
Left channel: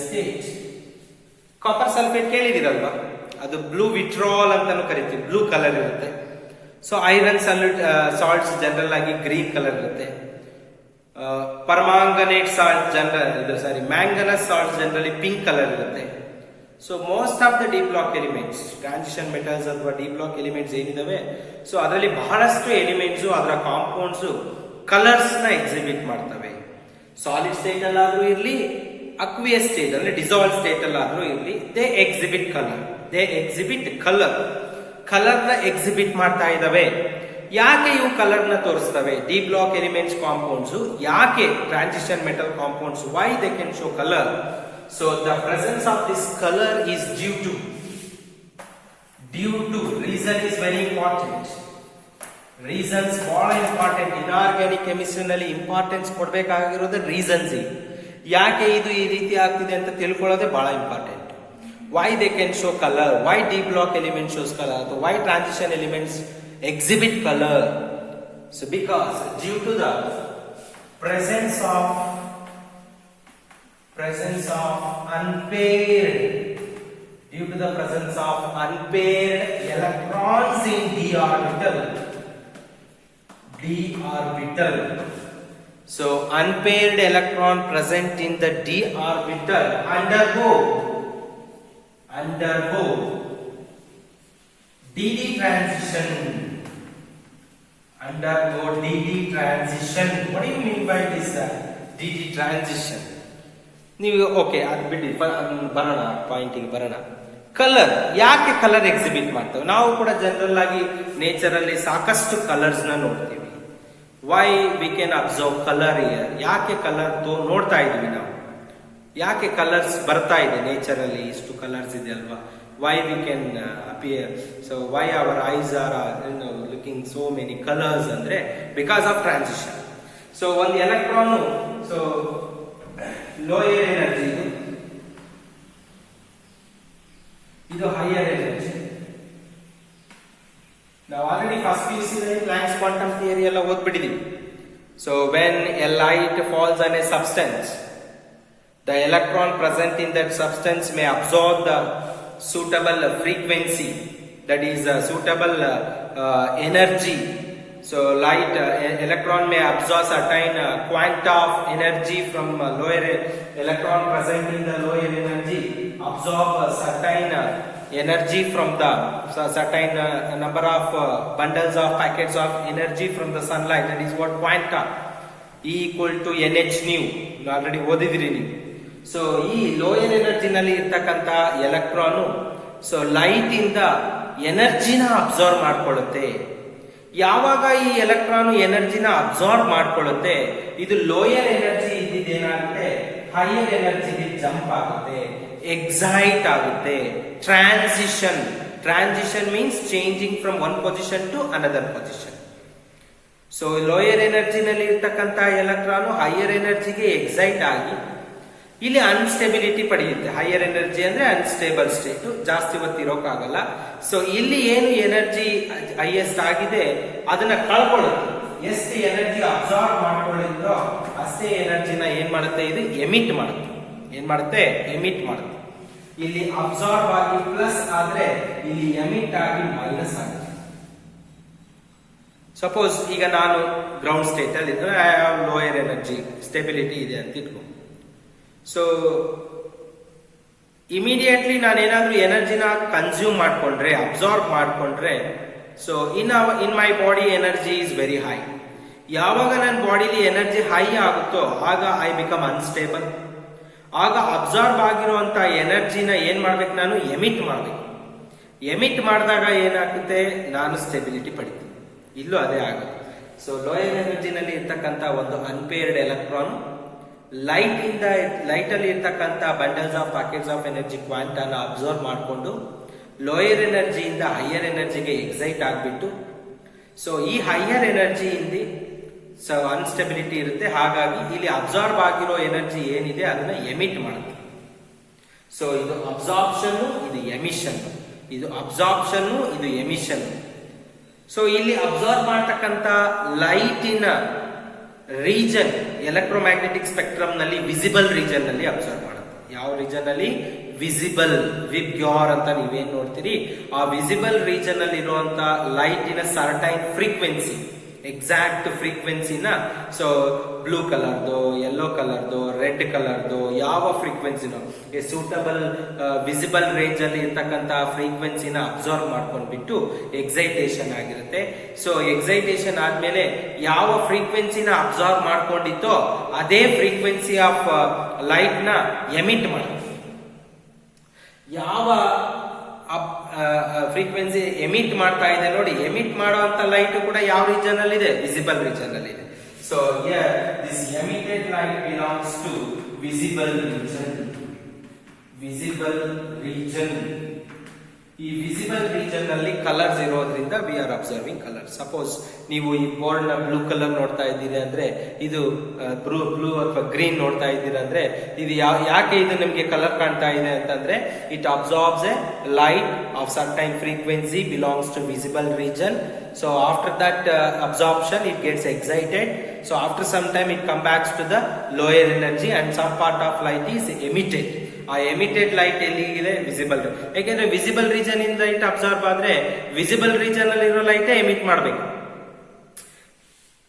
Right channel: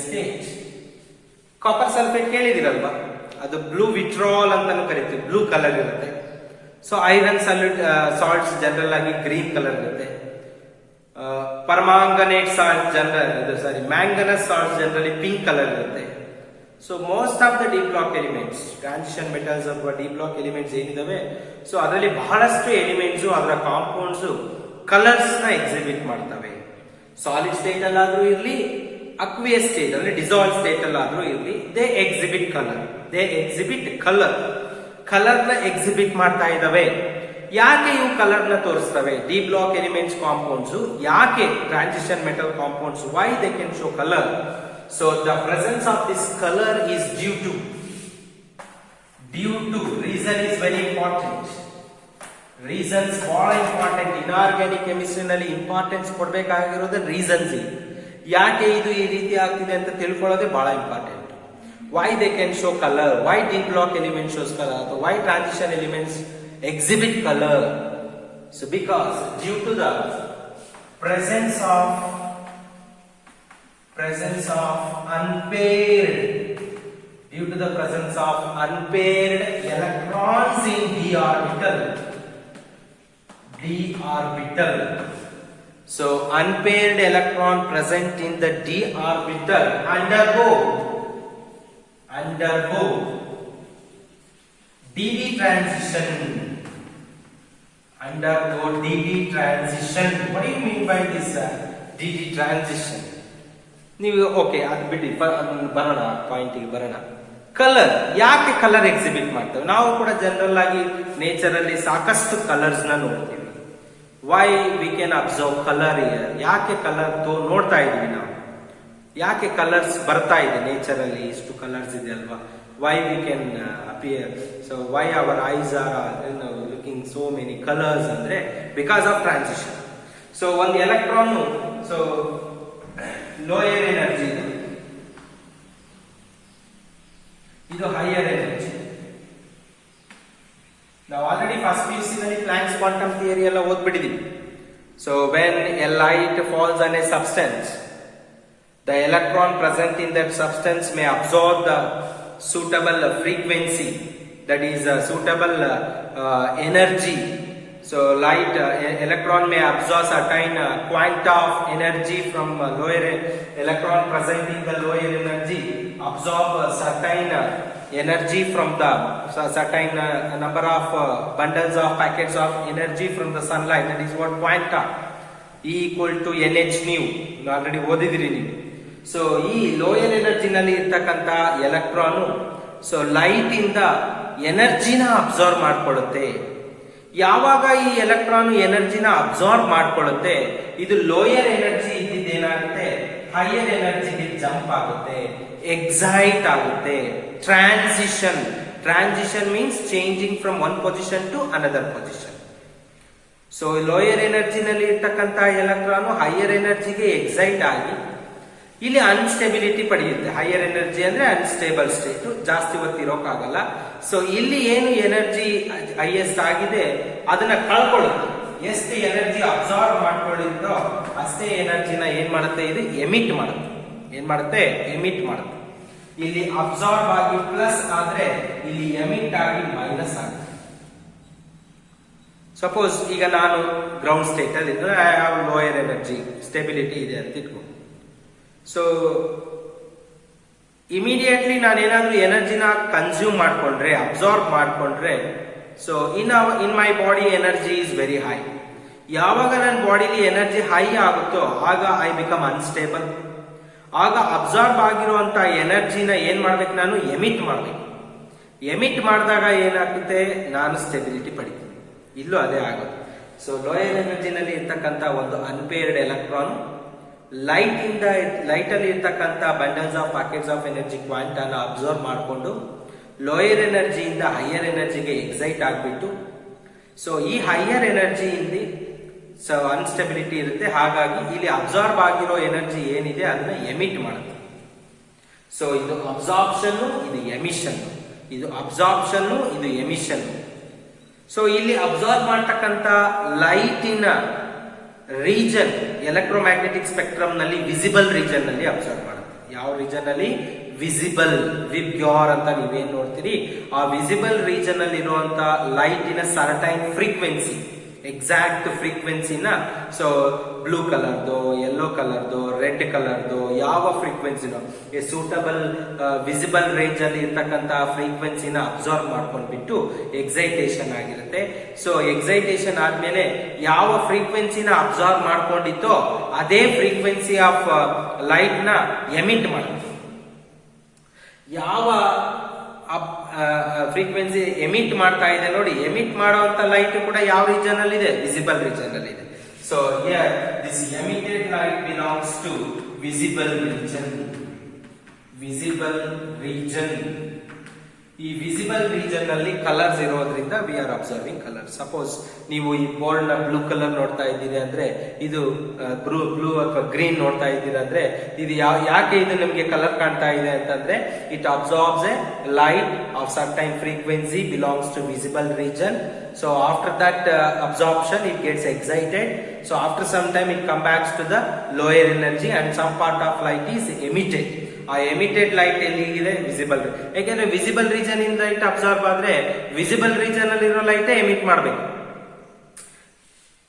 state. Copper sulphate ಕೇಳಿದಿರಲ್ವಾ? ಅದು blue vitriol ಅಂತಾನು ಕರಿತೀವಿ, blue colour ಇರುತ್ತೆ. So iron salts general ಆಗಿ green colour ಇರುತ್ತೆ. Permanganate salt manganese salt generally pink colour ಇರುತ್ತೆ. So most of the d block elements, transition metals ಅಥವಾ d block elements ಏನಿದಾವೆ, ಸೊ ಅದರಲ್ಲಿ ಬಹಳಷ್ಟು ಎಲಿಮೆಂಟ್ಸ್ ಅದರ ಕಾಂಪೌಂಡ್ಸ್ ಕಲರ್ಸ್ ನ ಎಕ್ಸಿಬಿಟ್ ಮಾಡ್ತವೆ. ಸಾಲಿಡ್ ಸ್ಟೇಟ್ ಅಲ್ಲಾದ್ರೂ ಇರ್ಲಿ, ಅಕ್ವಿಯಸ್ ಸ್ಟೇಟ್ ಅಂದ್ರೆ ಡಿಸಾಲ್ವ್ ಸ್ಟೇಟ್ ಅಲ್ಲಾದ್ರೂ ಇರ್ಲಿ, ದೇ ಎಕ್ಸಿಬಿಟ್ ಕಲರ್. ಕಲರ್ ನ ಎಕ್ಸಿಬಿಟ್ ಮಾಡ್ತಾ ಇದಾವೆ. ಯಾಕೆ ಇವು ಕಲರ್ ನ ತೋರಿಸ್ತವೆ? ಡಿ ಬ್ಲಾಕ್ ಎಲಿಮೆಂಟ್ಸ್ ಕಾಂಪೌಂಡ್ಸ್ ಯಾಕೆ transition metal compounds, why they can show colour? So the presence of this color is due to reason is very important. Reasons ಬಹಳ important. Inorganic chemistry ನಲ್ಲಿ importance ಕೊಡಬೇಕಾಗಿರೋದು reasons. ಯಾಕೆ ಇದು ಈ ರೀತಿ ಆಗ್ತಿದೆ ಅಂತ ತಿಳ್ಕೊಳ್ಳೋದೇ ಬಹಳ important. Why they can show color? Why D block element shows color? So why transition elements exhibit color? So because due to the presence of unpaired electrons in d orbital. So unpaired electron present in the d orbital undergo dd transition. What do you mean by this dd transition? ನೀವು okay ಅದು ಬಿಡಿ, ಬರೋಣ point ಇಲ್ಲಿ ಬರೋಣ. Colour ಯಾಕೆ colour exhibit ಮಾಡ್ತೇವೆ? ನಾವು ಕೂಡ ಜನರಲ್ ಆಗಿ ನೇಚರ್ ಅಲ್ಲಿ ಸಾಕಷ್ಟು ಕಲರ್ಸ್ ನ ನೋಡ್ತೀವಿ. Why we can observe colour here? ಯಾಕೆ ಕಲರ್ ನೋಡ್ತಾ ಇದ್ವಿ ನಾವು? ಯಾಕೆ ಕಲರ್ಸ್ ಬರ್ತಾ ಇದೆ ನೇಚರ್ ಅಲ್ಲಿ? ಇಷ್ಟು ಕಲರ್ಸ್ ಇದೆ ಅಲ್ವಾ? Why we can appear, so why our eyes are looking so many colours ಅಂದ್ರೆ ಬಿಕಾಸ್ ಆಫ್ ಟ್ರಾನ್ಸಿಷನ್. ಸೊ ಒಂದು ಎಲೆಕ್ಟ್ರಾನ್, ಸೊ ಲೋಯರ್ ಎನರ್ಜಿ, ಇದು ಹೈಯರ್ ಎನರ್ಜಿ. ನಾವು ಆಲ್ರೆಡಿ ಫಸ್ಟ್ PUC ನಲ್ಲಿ ಪ್ಲಾಂಕ್ಸ್ ಕ್ವಾಂಟಮ್ ಥಿಯರಿ ಎಲ್ಲ ಓದ್ಬಿಟ್ಟಿದೀವಿ. So when a light falls on a substance, the electron present in that substance may absorb the suitable frequency, that is suitable energy. So light electron may absorb certain quanta of energy from lower electron present in the lower energy, absorb certain energy from the certain number of bundles of packets of energy from the sunlight. That is what quanta, E equal to NH nu. Already ಓದಿದ್ರಿ ನೀವು. So ಈ lower ಎನರ್ಜಿನಲ್ಲಿ ಇರ್ತಕ್ಕಂಥ electron so light ಇಂದ ಎನರ್ಜಿನ absorb ಮಾಡ್ಕೊಳ್ಳುತ್ತೆ. ಯಾವಾಗ ಈ electron ಎನರ್ಜಿನ absorb ಮಾಡ್ಕೊಳ್ಳುತ್ತೆ, ಇದು lower energy ಇದ್ದಿದ್ದೇನಾಗುತ್ತೆ, ಹೈಯರ್ ಎನರ್ಜಿಗೆ ಜಂಪ್ ಆಗುತ್ತೆ, ಎಕ್ಸೈಟ್ ಆಗುತ್ತೆ. Transition means changing from one position to another position. So lower ಎನರ್ಜಿನಲ್ಲಿ ಇರ್ತಕ್ಕಂಥ ಎಲೆಕ್ಟ್ರಾನ್ ಹೈಯರ್ ಎನರ್ಜಿಗೆ ಎಕ್ಸೈಟ್ ಆಗಿ ಇಲ್ಲಿ ಅನ್ಸ್ಟೆಬಿಲಿಟಿ ಪಡೆಯುತ್ತೆ. ಹೈಯರ್ ಎನರ್ಜಿ ಅಂದ್ರೆ ಅನ್ಸ್ಟೇಬಲ್ ಸ್ಟೇಟ್, ಜಾಸ್ತಿ ಹೊತ್ತಿರೋಕ್ಕಾಗಲ್ಲ. ಸೊ ಇಲ್ಲಿ ಏನು ಎನರ್ಜಿ ಹೈಯೆಸ್ಟ್ ಆಗಿದೆ ಅದನ್ನ ಕಳ್ಕೊಳ್ಳುತ್ತೆ. ಎಷ್ಟು ಎನರ್ಜಿ ಅಬ್ಸಾರ್ವ್ ಮಾಡ್ಕೊಂಡಿದ್ದೋ ಅಷ್ಟೇ ಎನರ್ಜಿನ ಏನ್ ಮಾಡುತ್ತೆ, ಇದು ಎಮಿಟ್ ಮಾಡುತ್ತೆ. ಏನ್ ಮಾಡುತ್ತೆ? ಎಮಿಟ್ ಮಾಡುತ್ತೆ. ಇಲ್ಲಿ ಅಬ್ಸಾರ್ವ್ ಆಗಿ ಪ್ಲಸ್ ಆದ್ರೆ ಇಲ್ಲಿ ಎಮಿಟ್ ಆಗಿ ಮೈನಸ್ ಆಗುತ್ತೆ. ಸಪೋಸ್ ಈಗ ನಾನು ಗ್ರೌಂಡ್ ಸ್ಟೇಟ್ ಅಲ್ಲಿ ಇದ್ರೆ I have lower energy, stability ಇದೆ ಅಂತ ಇಟ್ಕೊ. ಸೊ ಇಮಿಡಿಯೇಟ್ಲಿ ನಾನೇನಾದ್ರೂ ಎನರ್ಜಿನ ಕನ್ಸ್ಯೂಮ್ ಮಾಡ್ಕೊಂಡ್ರೆ, ಅಬ್ಸಾರ್ಬ್ ಮಾಡ್ಕೊಂಡ್ರೆ, so in my body energy is very high. ಯಾವಾಗ ನನ್ನ ಬಾಡಿಲಿ ಎನರ್ಜಿ ಹೈ ಆಗುತ್ತೋ ಆಗ ಐ ಬಿಕಮ್ ಅನ್ಸ್ಟೇಬಲ್. ಆಗ ಅಬ್ಸಾರ್ಬ್ ಆಗಿರುವಂತ ಎನರ್ಜಿನ ಏನ್ ಮಾಡ್ಬೇಕು, ನಾನು ಎಮಿಟ್ ಮಾಡ್ಬೇಕು. ಎಮಿಟ್ ಮಾಡಿದಾಗ ಏನಾಗುತ್ತೆ, ನಾನು ಸ್ಟೆಬಿಲಿಟಿ ಪಡಿತೀನಿ. ಇಲ್ಲೂ ಅದೇ ಆಗುತ್ತೆ. ಸೊ ಲೋಯರ್ ಎನರ್ಜಿನಲ್ಲಿ ಇರ್ತಕ್ಕಂಥ ಒಂದು ಅನ್ಪೇರ್ಡ್ ಎಲೆಕ್ಟ್ರಾನ್ ಲೈಟ್ ಅಲ್ಲಿ ಇರ್ತಕ್ಕಂಥ bundles of packets of energy ಕ್ವಾಂಟಾನ ಅಬ್ಸರ್ವ್ ಮಾಡಿಕೊಂಡು ಲೋಯರ್ ಎನರ್ಜಿಯಿಂದ ಹೈಯರ್ ಎನರ್ಜಿಗೆ ಎಕ್ಸೈಟ್ ಆಗಿಬಿಟ್ಟು, ಸೊ ಈ ಹೈಯರ್ ಎನರ್ಜಿಯಿಂದ ಸೊ ಅನ್ಸ್ಟೆಬಿಲಿಟಿ ಇರುತ್ತೆ. ಹಾಗಾಗಿ ಇಲ್ಲಿ ಅಬ್ಸಾರ್ಬ್ ಆಗಿರೋ ಎನರ್ಜಿ ಏನಿದೆ ಅದನ್ನ ಎಮಿಟ್ ಮಾಡುತ್ತೆ. ಸೊ ಇದು ಅಬ್ಸಾರ್ಪ್ಷನ್, ಇದು ಎಮಿಷನ್. ಇದು ಅಬ್ಸಾರ್ಪ್ಷನ್, ಇದು ಎಮಿಷನ್. ಸೊ ಇಲ್ಲಿ ಅಬ್ಸಾರ್ಬ್ ಮಾಡ್ತಕ್ಕಂಥ ಲೈಟಿನ ರೀಜನ್ ಎಲೆಕ್ಟ್ರೋಮ್ಯಾಗ್ನೆಟಿಕ್ ಸ್ಪೆಕ್ಟ್ರಮ್ ನಲ್ಲಿ ವಿಸಿಬಲ್ ರೀಜನ್ ನಲ್ಲಿ ಅಬ್ಸರ್ವ್ ಮಾಡುತ್ತೆ. ಯಾವ ರೀಜನ್ ಅಲ್ಲಿ? ವಿಸಿಬಲ್, ವಿಬ್ಗ್ಯಾರ್ ಅಂತ ನೀವೇನ್ ನೋಡ್ತೀರಿ, ಆ ವಿಸಿಬಲ್ ರೀಜನ್ ಅಲ್ಲಿ ಇರುವಂತ ಲೈಟಿನ ಸರ್ಟೈನ್ ಫ್ರೀಕ್ವೆನ್ಸಿ, ಎಕ್ಸಾಕ್ಟ್ ಫ್ರೀಕ್ವೆನ್ಸಿನ. ಸೊ ಬ್ಲೂ ಕಲರ್ದು, ಯೆಲ್ಲೋ ಕಲರ್ದು, ರೆಡ್ ಕಲರ್ದು ಯಾವ ಫ್ರೀಕ್ವೆನ್ಸಿನೋ ಸೂಟಬಲ್ ವಿಸಿಬಲ್ ರೇಂಜ್ ಅಲ್ಲಿ ಇರ್ತಕ್ಕಂತ ಫ್ರೀಕ್ವೆನ್ಸಿನ ಅಬ್ಸರ್ವ್ ಮಾಡ್ಕೊಂಡ್ಬಿಟ್ಟು ಎಕ್ಸೈಟೇಷನ್ ಆಗಿರುತ್ತೆ. ಸೊ ಎಕ್ಸೈಟೇಷನ್ ಆದ್ಮೇಲೆ ಯಾವ ಫ್ರೀಕ್ವೆನ್ಸಿನ ಅಬ್ಸರ್ವ್ ಮಾಡ್ಕೊಂಡಿತ್ತೋ ಅದೇ ಫ್ರೀಕ್ವೆನ್ಸಿ ಆಫ್ ಲೈಟ್ ನ ಎಮಿಟ್ ಮಾಡುತ್ತೆ. ಯಾವ ಫ್ರೀಕ್ವೆನ್ಸಿ ಎಮಿಟ್ ಮಾಡ್ತಾ ಇದೆ ನೋಡಿ, ಎಮಿಟ್ ಮಾಡುವಂತ ಲೈಟ್ ಕೂಡ ಯಾವ ರೀಜನ್ ಅಲ್ಲಿ ಇದೆ? ವಿಸಿಬಲ್ ರೀಜನ್ ಅಲ್ಲಿ ಇದೆ. So here this emitted light belongs to visible region. Visible region, ಈ ವಿಸಿಬಲ್ ರೀಜನ್ ಅಲ್ಲಿ ಕಲರ್ಸ್ ಇರೋದ್ರಿಂದ we are observing colour. Suppose ನೀವು ಈ ಬೋರ್ಡ್ ನ ಬ್ಲೂ ಕಲರ್ ನೋಡ್ತಾ ಇದ್ದೀರಿ ಅಂದ್ರೆ ಇದು ಬ್ಲೂ ಅಥವಾ ಗ್ರೀನ್ ನೋಡ್ತಾ ಇದ್ದೀರಾ ಅಂದ್ರೆ ಇದು ಯಾಕೆ ಇದು ನಿಮಗೆ ಕಲರ್ ಕಾಣ್ತಾ ಇದೆ ಅಂತಂದ್ರೆ it absorbs a light of certain frequency belongs to visible region. So after that absorption it gets excited. So after some time it comes back to the lower energy and some part of light is emitted. ಆ emitted light ಎಲ್ಲಿಗಿದೆ? Visible. ಯಾಕೆಂದ್ರೆ visible region ಇನ್ light absorb ಆದ್ರೆ visible region ಅಲ್ಲಿ ಇರೋ light emit ಮಾಡಬೇಕು.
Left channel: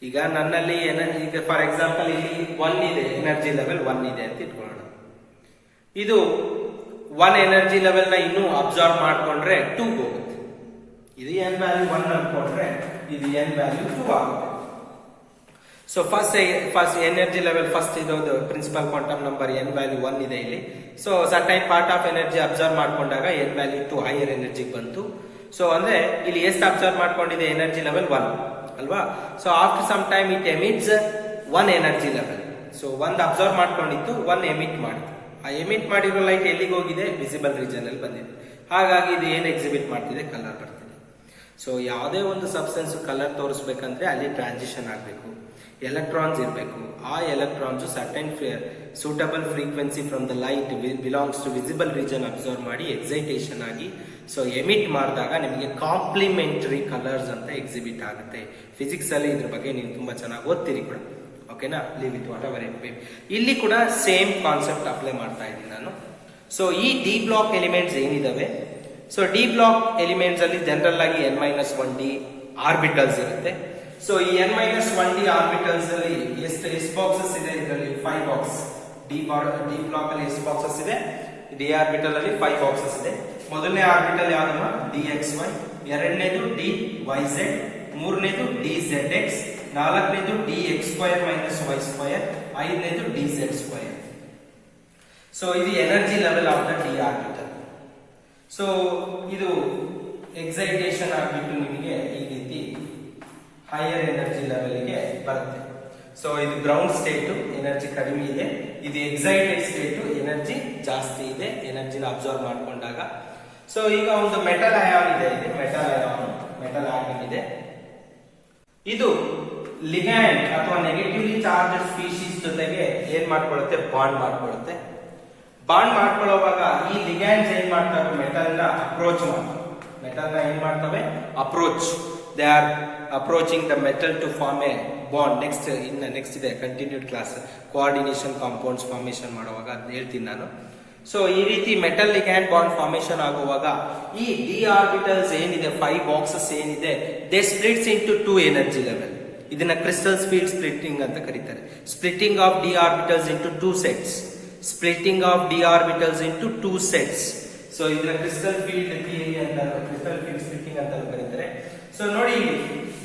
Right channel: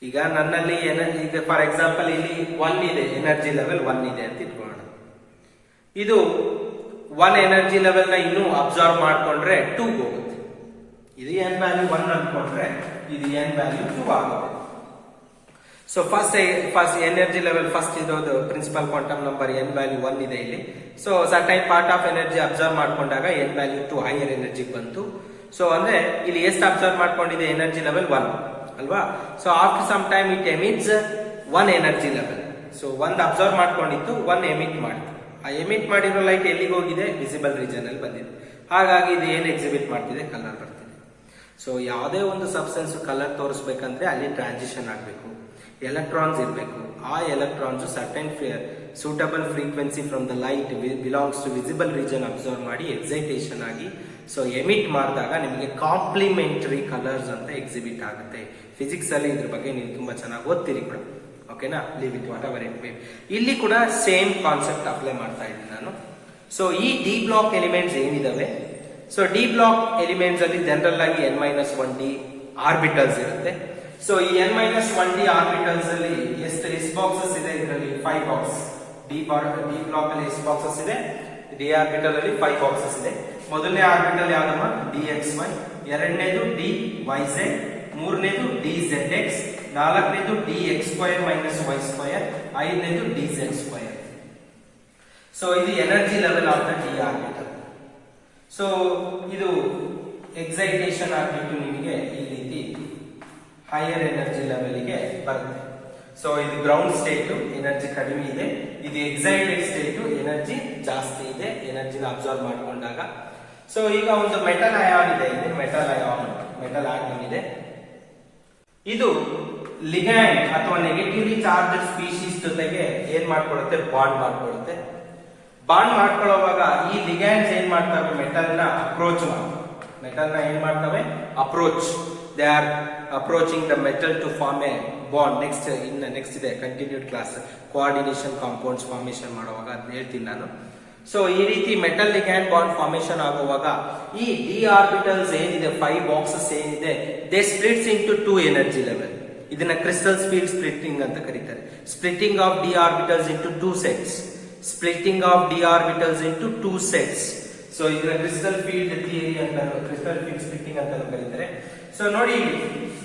ಈಗ ನನ್ನಲ್ಲಿ ಈಗ for example ಇಲ್ಲಿ 1 ಇದೆ, ಎನರ್ಜಿ ಲೆವೆಲ್ 1 ಇದೆ ಅಂತ ಇಟ್ಕೊಳ್ಳೋಣ. ಇದು 1 ಎನರ್ಜಿ ಲೆವೆಲ್ ನ ಇನ್ನೂ ಅಬ್ಸಾರ್ಬ್ ಮಾಡ್ಕೊಂಡ್ರೆ 2 ಹೋಗುತ್ತೆ. ಇದು n ವ್ಯಾಲ್ಯೂ 1 ಅನ್ಕೊಂಡ್ರೆ ಇದು n ವ್ಯಾಲ್ಯೂ 2 ಆಗುತ್ತೆ. So first energy level first ಇರೋದು principal quantum number n value 1 ಇದೆ ಇಲ್ಲಿ. So certain part of energy absorb ಮಾಡ್ಕೊಂಡಾಗ n ವ್ಯಾಲ್ಯೂ 2 ಹೈಯರ್ ಎನರ್ಜಿ ಬಂತು. ಸೊ ಅಂದ್ರೆ ಇಲ್ಲಿ ಎಷ್ಟು ಅಬ್ಸರ್ವ್ ಮಾಡ್ಕೊಂಡಿದೆ? ಎನರ್ಜಿ ಲೆವೆಲ್ 1 ಅಲ್ವಾ? So after some time it emits 1 energy level. So 1 absorb ಮಾಡ್ಕೊಂಡಿತ್ತು, 1 ಎಮಿಟ್ ಮಾಡಿತ್ತು. ಆ ಎಮಿಟ್ ಮಾಡಿರೋ ಲೈಟ್ ಎಲ್ಲಿಗೆ ಹೋಗಿದೆ? ವಿಸಿಬಲ್ ರೀಜನ್ ಅಲ್ಲಿ ಬಂದಿದೆ. ಹಾಗಾಗಿ ಇದು ಏನು ಎಕ್ಸಿಬಿಟ್ ಮಾಡ್ತಿದೆ? ಕಲರ್ ಬರ್ತಿದೆ. ಸೊ ಯಾವುದೇ ಒಂದು ಸಬ್ಸ್ಟೆನ್ಸ್ ಕಲರ್ ತೋರಿಸ್ಬೇಕಂದ್ರೆ ಅಲ್ಲಿ ಟ್ರಾನ್ಸಿಷನ್ ಆಗಬೇಕು, ಎಲೆಕ್ಟ್ರಾನ್ಸ್ ಇರಬೇಕು. ಆ electrons certain suitable frequency from the light belongs to visible region observe ಮಾಡಿ ಎಕ್ಸೈಟೇಷನ್ ಆಗಿ ಸೊ ಎಮಿಟ್ ಮಾಡಿದಾಗ ನಿಮಗೆ ಕಾಂಪ್ಲಿಮೆಂಟರಿ ಕಲರ್ಸ್ ಅಂತ ಎಕ್ಸಿಬಿಟ್ ಆಗುತ್ತೆ. ಫಿಸಿಕ್ಸ್ ಅಲ್ಲಿ ಇದ್ರ ಬಗ್ಗೆ ನೀವು ತುಂಬಾ ಚೆನ್ನಾಗಿ ಓದ್ತೀರಿ ಕೂಡ. ಓಕೆನಾ? Leave it whatever it may. ಇಲ್ಲಿ ಕೂಡ ಸೇಮ್ ಕಾನ್ಸೆಪ್ಟ್ ಅಪ್ಲೈ ಮಾಡ್ತಾ ಇದ್ದೀನಿ ನಾನು. ಸೊ ಈ ಡಿ ಬ್ಲಾಕ್ ಎಲಿಮೆಂಟ್ಸ್ ಏನಿದಾವೆ, ಸೊ ಡಿ ಬ್ಲಾಕ್ ಎಲಿಮೆಂಟ್ಸ್ ಅಲ್ಲಿ ಜನರಲ್ ಆಗಿ n-1d ಆರ್ಬಿಟಲ್ಸ್ ಇರುತ್ತೆ. ಸೊ ಈ n-1d ಆರ್ಬಿಟಲ್ಸ್ ಅಲ್ಲಿ ಎಷ್ಟು ಬಾಕ್ಸಸ್ ಇದೆ? ಇದರಲ್ಲಿ 5 ಬಾಕ್ಸ್. ಡಿ ಬ್ಲಾಕ್ ಅಲ್ಲಿ ಎಷ್ಟು ಬಾಕ್ಸಸ್ ಇದೆ? ಡಿ ಆರ್ಬಿಟಲ್ ಅಲ್ಲಿ 5 ಬಾಕ್ಸಸ್ ಇದೆ. ಮೊದಲನೇ ಆರ್ಬಿಟಲ್ ಯಾವ್ದಮ್ಮ? dxy, ಎರಡನೇದು dyz, ಮೂರನೇದು dzx, ನಾಲ್ಕನೇದು dx² - y², ಐದನೇದು dz². ಸೊ ಇದು energy level of the D orbital. So ಇದು ಎಕ್ಸೈಟೇಷನ್ ಆಗ್ಬಿಟ್ಟು ನಿಮಗೆ ಈ ರೀತಿ ಹೈಯರ್ ಎನರ್ಜಿ ಲೆವೆಲ್ಗೆ ಬರುತ್ತೆ. ಸೊ ಇದು ಗ್ರೌಂಡ್ ಸ್ಟೇಟ್, ಎನರ್ಜಿ ಕಡಿಮೆ ಇದೆ. ಇದು ಎಕ್ಸೈಟೆಡ್ ಸ್ಟೇಟ್, ಎನರ್ಜಿ ಜಾಸ್ತಿ ಇದೆ, ಎನರ್ಜಿನ ಅಬ್ಸರ್ವ್ ಮಾಡ್ಕೊಂಡಾಗ. ಸೊ ಈಗ ಒಂದು ಮೆಟಲ್ ಅಯಾನ್ ಇದೆ, ಮೆಟಲ್ ಆಟಮ್ ಇದೆ. ಇದು ಲಿಗ್ಯಾಂಡ್ ಅಥವಾ ನೆಗೆಟಿವ್ಲಿ ಚಾರ್ಜ್ ಸ್ಪೀಶೀಸ್ ಜೊತೆಗೆ ಏನ್ ಮಾಡ್ಕೊಳ್ಳುತ್ತೆ? ಬಾಂಡ್ ಮಾಡ್ಕೊಳ್ಳುತ್ತೆ. ಬಾಂಡ್ ಮಾಡ್ಕೊಳ್ಳುವಾಗ ಈ ಲಿಗ್ಯಾಂಡ್ಸ್ ಏನ್ ಮಾಡ್ತವೆ? ಮೆಟಲ್ ನ ಅಪ್ರೋಚ್ ಮಾಡ್ತವೆ. ಮೆಟಲ್ ನ ಏನ್ ಮಾಡ್ತವೆ? Approach. They are approaching the metal to form a bond. Next ಇದೆ continued class, coordination compounds formation ಮಾಡುವಾಗ ಅಂತ ಹೇಳ್ತೀನಿ ನಾನು. ಸೊ ಈ ರೀತಿ ಮೆಟಲ್ ಲಿಗ್ಯಾಂಡ್ ಬಾಂಡ್ ಫಾರ್ಮೇಶನ್ ಆಗುವಾಗ ಈ ಡಿ ಆರ್ಬಿಟಲ್ಸ್ ಏನಿದೆ, 5 ಬಾಕ್ಸಸ್ ಏನಿದೆ, they splits into 2 energy level. ಇದನ್ನ ಕ್ರಿಸ್ಟಲ್ ಫೀಲ್ಡ್ ಸ್ಪ್ಲಿಟ್ಟಿಂಗ್ ಅಂತ ಕರೀತಾರೆ. Splitting of D orbitals into 2 sets. Splitting of D orbitals into 2 sets. So ಇದನ್ನ ಕ್ರಿಸ್ಟಲ್ ಫೀಲ್ಡ್ ಥಿಯರಿ ಅಂತ, crystal field splitting ಅಂತ ಕರೀತಾರೆ. ಸೊ ನೋಡಿ,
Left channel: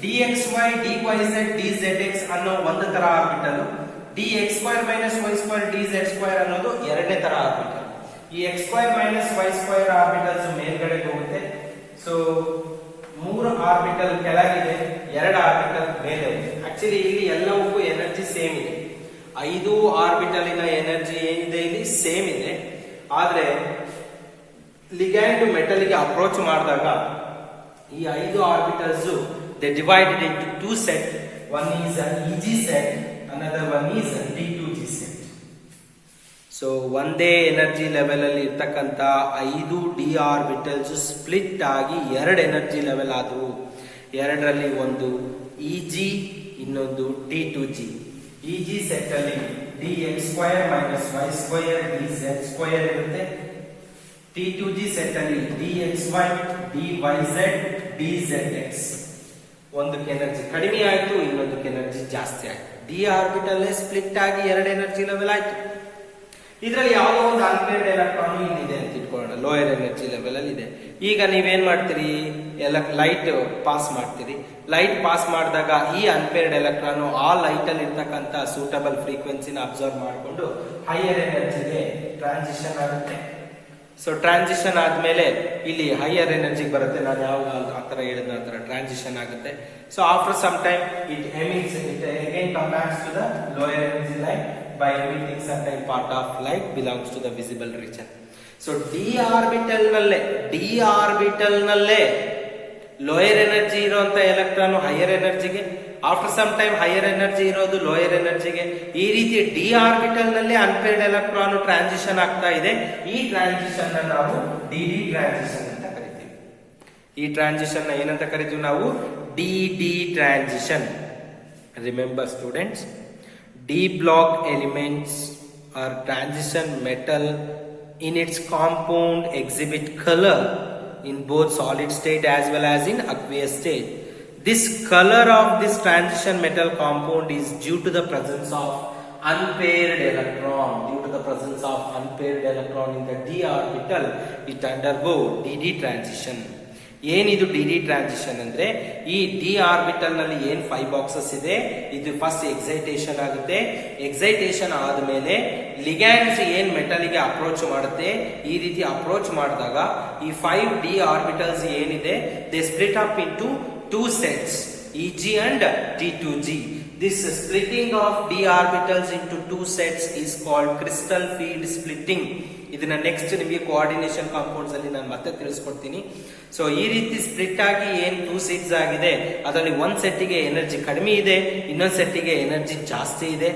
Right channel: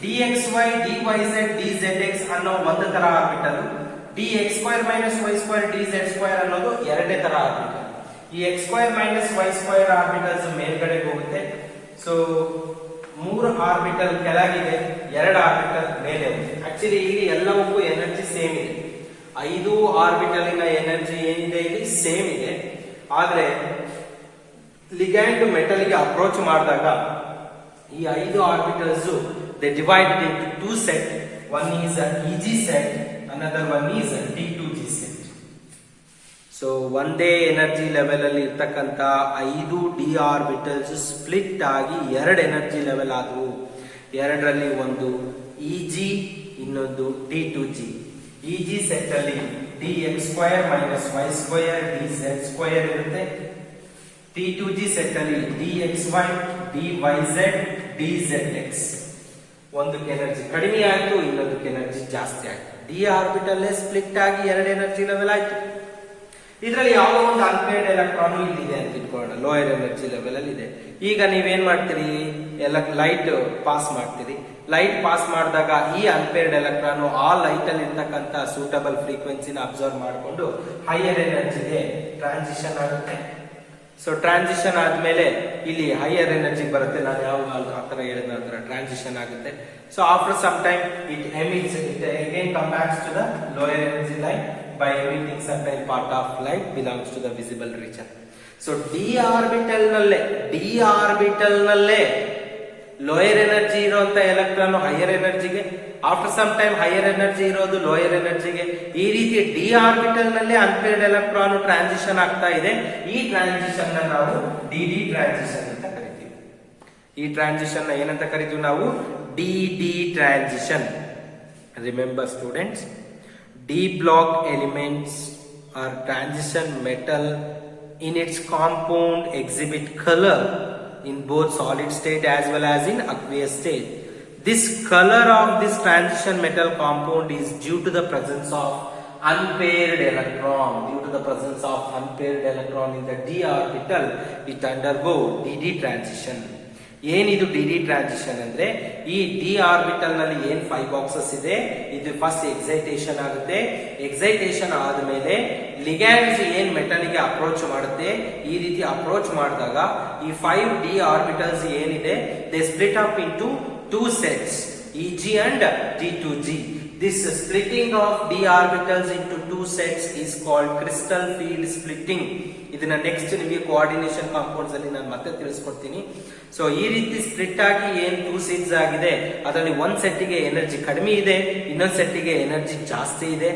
dxy, dyz, dzx ಅನ್ನೋ ಒಂದು ತರ ಆರ್ಬಿಟಲ್, dx² - y² dz² ಅನ್ನೋದು ಎರಡನೇ ತರ ಆರ್ಬಿಟಲ್. ಈ x² - y² ಆರ್ಬಿಟಲ್ಸ್ ಮೇಲ್ಗಡೆ ಹೋಗುತ್ತೆ. ಸೊ 3 ಆರ್ಬಿಟಲ್ ಕೆಳಗಿದೆ, 2 ಆರ್ಬಿಟಲ್ ಮೇಲೆ. ಆಕ್ಚುಲಿ ಇಲ್ಲಿ ಎಲ್ಲವಕ್ಕೂ ಎನರ್ಜಿ ಸೇಮ್ ಇದೆ. 5 ಆರ್ಬಿಟಲಿನ ಎನರ್ಜಿ ಏನಿದೆ ಇಲ್ಲಿ ಸೇಮ್ ಇದೆ. ಆದ್ರೆ ಲಿಗ್ಯಾಂಡ್ ಮೆಟಲ್ಗೆ ಅಪ್ರೋಚ್ ಮಾಡಿದಾಗ ಈ 5 orbitals they divided into 2 set. One is Eg set, another one is D2G set. So ಒಂದೇ ಎನರ್ಜಿ ಲೆವೆಲ್ ಅಲ್ಲಿ ಇರ್ತಕ್ಕಂತ 5 ಡಿ ಆರ್ಬಿಟಲ್ಸ್ ಸ್ಪ್ಲಿಟ್ ಆಗಿ 2 ಎನರ್ಜಿ ಲೆವೆಲ್ ಆದವು. ಎರಡರಲ್ಲಿ ಒಂದು Eg, ಇನ್ನೊಂದು D2G. Eg ಸೆಟ್ ಅಲ್ಲಿ dx² - y² dz² ಇರುತ್ತೆ. D2G ಸೆಟ್ ಅಲ್ಲಿ dxy, dyz, dzx. ಒಂದಕ್ಕೆ ಎನರ್ಜಿ ಕಡಿಮೆ ಆಯ್ತು, ಇನ್ನೊಂದಕ್ಕೆ ಎನರ್ಜಿ ಜಾಸ್ತಿ ಆಯ್ತು. ಡಿ ಆರ್ಬಿಟಲ್ ಸ್ಪ್ಲಿಟ್ ಆಗಿ ಎರಡು ಎನರ್ಜಿ ಲೆವೆಲ್ ಆಯ್ತು. ಇದರಲ್ಲಿ ಯಾವುದೋ ಒಂದು ಅನ್ಪೇರ್ಡ್ ಎಲೆಕ್ಟ್ರಾನ್ ಇಲ್ಲಿದೆ ಅಂತ ತಿಳ್ಕೊಳ್ಳೋಣ, ಲೋಯರ್ ಎನರ್ಜಿ ಲೆವೆಲ್ ಅಲ್ಲಿ ಇದೆ. ಈಗ ನೀವೇನ್ ಮಾಡ್ತೀರಿ, ಲೈಟ್ ಪಾಸ್ ಮಾಡ್ತೀರಿ. ಲೈಟ್ ಪಾಸ್ ಮಾಡಿದಾಗ ಈ ಅನ್ಪೇರ್ಡ್ ಎಲೆಕ್ಟ್ರಾನ್ ಆ ಲೈಟ್ ಅಲ್ಲಿ ಇರ್ತಕ್ಕಂಥ ಸೂಟಬಲ್ ಫ್ರೀಕ್ವೆನ್ಸಿನ ಅಬ್ಸರ್ವ್ ಮಾಡಿಕೊಂಡು ಹೈಯರ್ ಎನರ್ಜಿಗೆ ಟ್ರಾನ್ಸಿಷನ್ ಆಗುತ್ತೆ. ಸೊ ಟ್ರಾನ್ಸಿಷನ್ ಆದ್ಮೇಲೆ ಇಲ್ಲಿ ಹೈಯರ್ ಎನರ್ಜಿ ಬರುತ್ತೆ. ನಾನು ಯಾವ ಆತರ ಹೇಳಿದ ನಂತರ ಟ್ರಾನ್ಸಿಷನ್ ಆಗುತ್ತೆ. So after some time it emits, it again come backs to the lower energy line by emitting certain part of light belongs to the visible region. So d orbital ನಲ್ಲೇ lower energy ಇರುವಂತ electron higher ಎನರ್ಜಿಗೆ, after some time higher energy ಇರೋದು lower ಎನರ್ಜಿಗೆ. ಈ ರೀತಿ d orbital ನಲ್ಲೇ unpaired electron transition ಆಗ್ತಾ ಇದೆ. ಈ ಟ್ರಾನ್ಸಿಷನ್ ನಾವು ಡಿ ಟ್ರಾನ್ಸಿಷನ್ ಅಂತ ಕರಿತೀವಿ. ಈ ಟ್ರಾನ್ಸಿಷನ್ ಏನಂತ ಕರಿತೀವಿ ನಾವು? D transition. Remember students, D block elements or transition metal in its compound exhibit color in both solid state as well as in aqueous state. This color of this transition metal compound is due to the presence of unpaired electron. Due to the presence of unpaired electron in the d orbital, it undergo dd transition. ಏನಿದು D transition ಅಂದ್ರೆ, ಈ D orbital ನಲ್ಲಿ ಏನ್ 5 boxes ಇದೆ, ಇದು first excitation ಆಗುತ್ತೆ. Excitation ಆದ್ಮೇಲೆ ligands ಏನ್ ಮೆಟಲ್ ಗೆ ಅಪ್ರೋಚ್ ಮಾಡುತ್ತೆ, ಈ ರೀತಿ ಅಪ್ರೋಚ್ ಮಾಡಿದಾಗ ಈ 5 ಡಿ ಆರ್ಬಿಟಲ್ಸ್ ಏನಿದೆ, they split up into 2 sets, EG and T2G. This splitting of d orbitals into 2 sets is called crystal field splitting. ಇದನ್ನ ನೆಕ್ಸ್ಟ್ ನಿಮಗೆ ಕೋಆರ್ಡಿನೇಷನ್ ಕಾಂಪೌಂಡ್ಸ್ ಅಲ್ಲಿ ನಾನು ಮತ್ತೆ ತಿಳಿಸ್ಕೊಡ್ತೀನಿ. ಸೊ ಈ ರೀತಿ ಸ್ಪ್ಲಿಟ್ ಆಗಿ ಏನ್ 2 ಸೆಟ್ಸ್ ಆಗಿದೆ, ಅದರಲ್ಲಿ ಒಂದ್ ಸೆಟ್ಗೆ ಎನರ್ಜಿ ಕಡಿಮೆ ಇದೆ, ಇನ್ನೊಂದ್ ಸೆಟ್ಗೆ ಎನರ್ಜಿ ಜಾಸ್ತಿ ಇದೆ.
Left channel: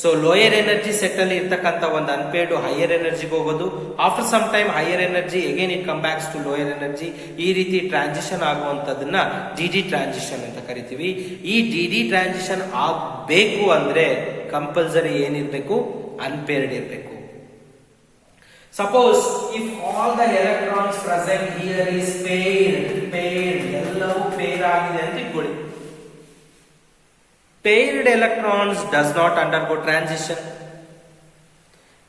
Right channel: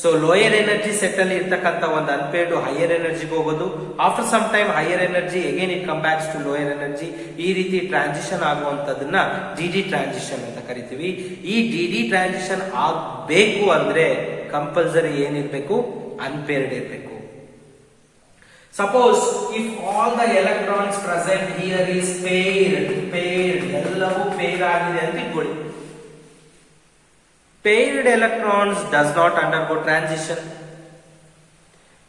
ಸೊ ಲೋಯರ್ ಎನರ್ಜಿ ಸೆಟ್ ಅಲ್ಲಿ ಇರ್ತಕ್ಕಂಥ ಒಂದು ಅನ್ಪೇರ್ಡ್ ಹೈಯರ್ ಎನರ್ಜಿಗೆ ಹೋಗೋದು. After some time higher energy again it come backs to lower energy. ಈ ರೀತಿ ಟ್ರಾನ್ಸಿಷನ್ ಆಗುವಂತದನ್ನ ಡಿ ಟ್ರಾನ್ಸಿಷನ್ ಅಂತ ಕರಿತೀವಿ. ಈ ಡಿ ಟ್ರಾನ್ಸಿಷನ್ ಆಗ್ಬೇಕು ಅಂದ್ರೆ ಕಂಪಲ್ಸರಿ ಏನಿರ್ಬೇಕು? ಅನ್ಪೇರ್ಡ್ ಇರಬೇಕು. Suppose if all the electrons present here is paired, ಎಲ್ಲವೂ ಪೇರ್ ಆಗಿದೆ ಅಂತ ಇಟ್ಕೊಳ್ಳಿ. Paired electrons does not undergo transition.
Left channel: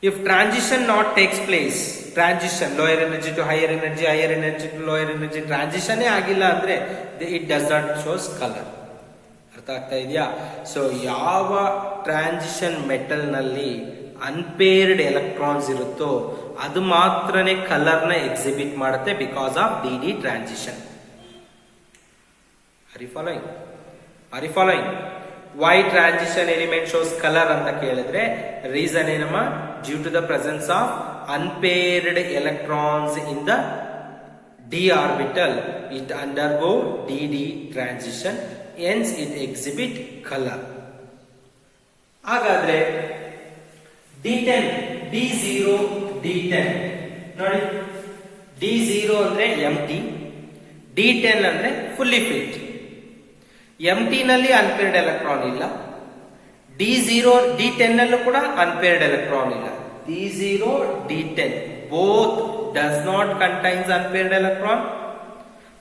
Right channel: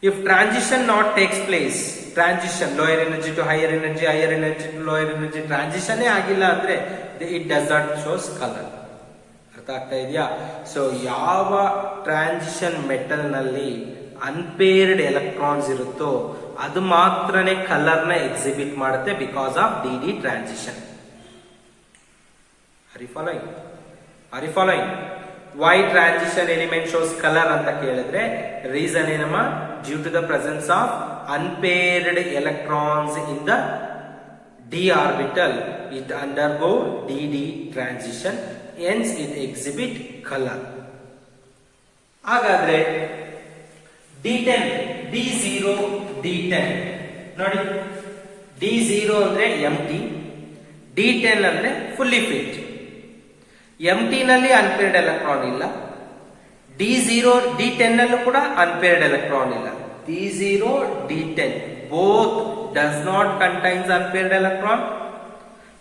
If transition not takes place, transition lower energy to higher energy to lower energy, transition ಆಗಿಲ್ಲ ಅಂದ್ರೆ it does not shows color. ಅರ್ಥ ಆಗ್ತಾ ಇದೆಯಾ? So ಯಾವ ಟ್ರಾನ್ಸಿಷನ್ ಮೆಟಲ್ ನಲ್ಲಿ ಅನ್ಪೇರ್ಡ್ ಎಲೆಕ್ಟ್ರಾನ್ಸ್ ಇರುತ್ತೋ ಅದು ಮಾತ್ರನೇ ಕಲರ್ ನ ಎಕ್ಸಿಬಿಟ್ ಮಾಡುತ್ತೆ, because of D transition. Are you following? Why transition element shows color ಅಂತ ಕೇಳಿದ್ರೆ ರೀಸನ್ ಏನಮ್ಮ? Due to the presence of unpaired electrons in the d orbital, it undergo dd transition, hence it exhibit color. ಹಾಗಾದ್ರೆ D10, D0, D10 ನೋಡಿ, D0 ಅಂದ್ರೆ ಎಂಟಿ, D10 ಅಂದ್ರೆ fully fit. ಎಂಟಿ ನಲ್ಲಿ unpaired electron ಇಲ್ಲ, D0 D10 ನಲ್ಲೂ ಕೂಡ unpaired electron ಇಲ್ಲ. D0 D10 both does not contains unpaired electron.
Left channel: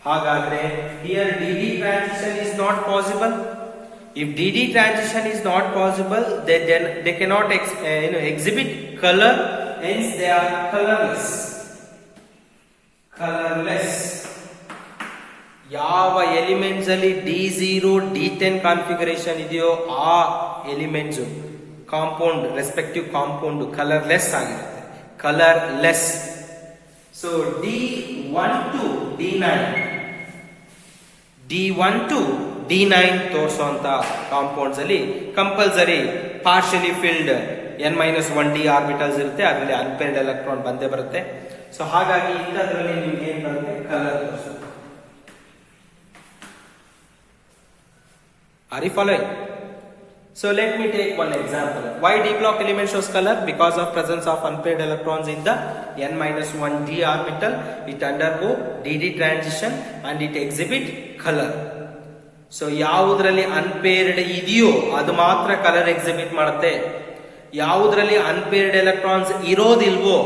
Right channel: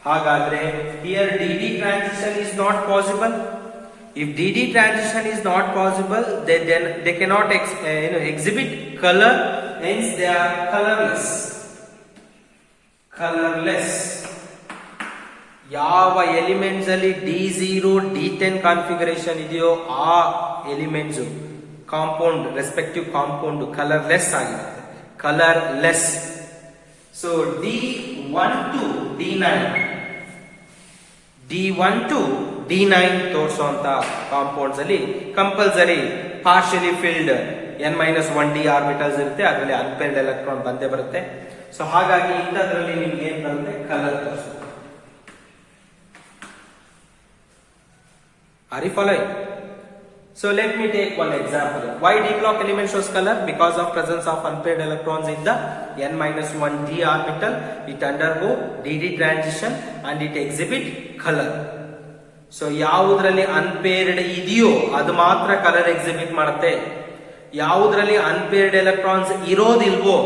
ಹಾಗಾದ್ರೆ here dd transition is not possible. If dd transition is not possible, then they cannot exhibit color, hence they are colorless. ಯಾವ elements ಅಲ್ಲಿ D0 D10 configuration ಇದೆಯೋ ಆ elements compound respective compound colourless ಆಗಿರುತ್ತೆ, colourless. So D1 to D9 ತೋರಿಸುವಂತ compounds ಅಲ್ಲಿ compulsory partially filled n-1 d orbitals ಇರುತ್ತೆ, ಅದರಲ್ಲಿ unpaired electron ಬಂದೇ ಬರುತ್ತೆ. ಸೊ ಹಾಗಾಗಿ ಇಂಥದ್ರಲ್ಲಿ ನಿಮ್ಗೆ ಏನ್ ಬರುತ್ತೆ? ಕಲರ್ ತೋರಿಸುತ್ತೆ. Are you following? So let me take one example. Why d block element shows color? Because of presence of unpaired electrons in the n-1 d orbital, it undergo dd transition and it exhibit color. So ಯಾವುದ್ರಲ್ಲಿ unpaired ಇದೆಯೋ ಅದು ಮಾತ್ರ colour exhibit ಮಾಡುತ್ತೆ, ಯಾವುದ್ರಲ್ಲಿ unpaired electrons ಇರೋದಿಲ್ವೋ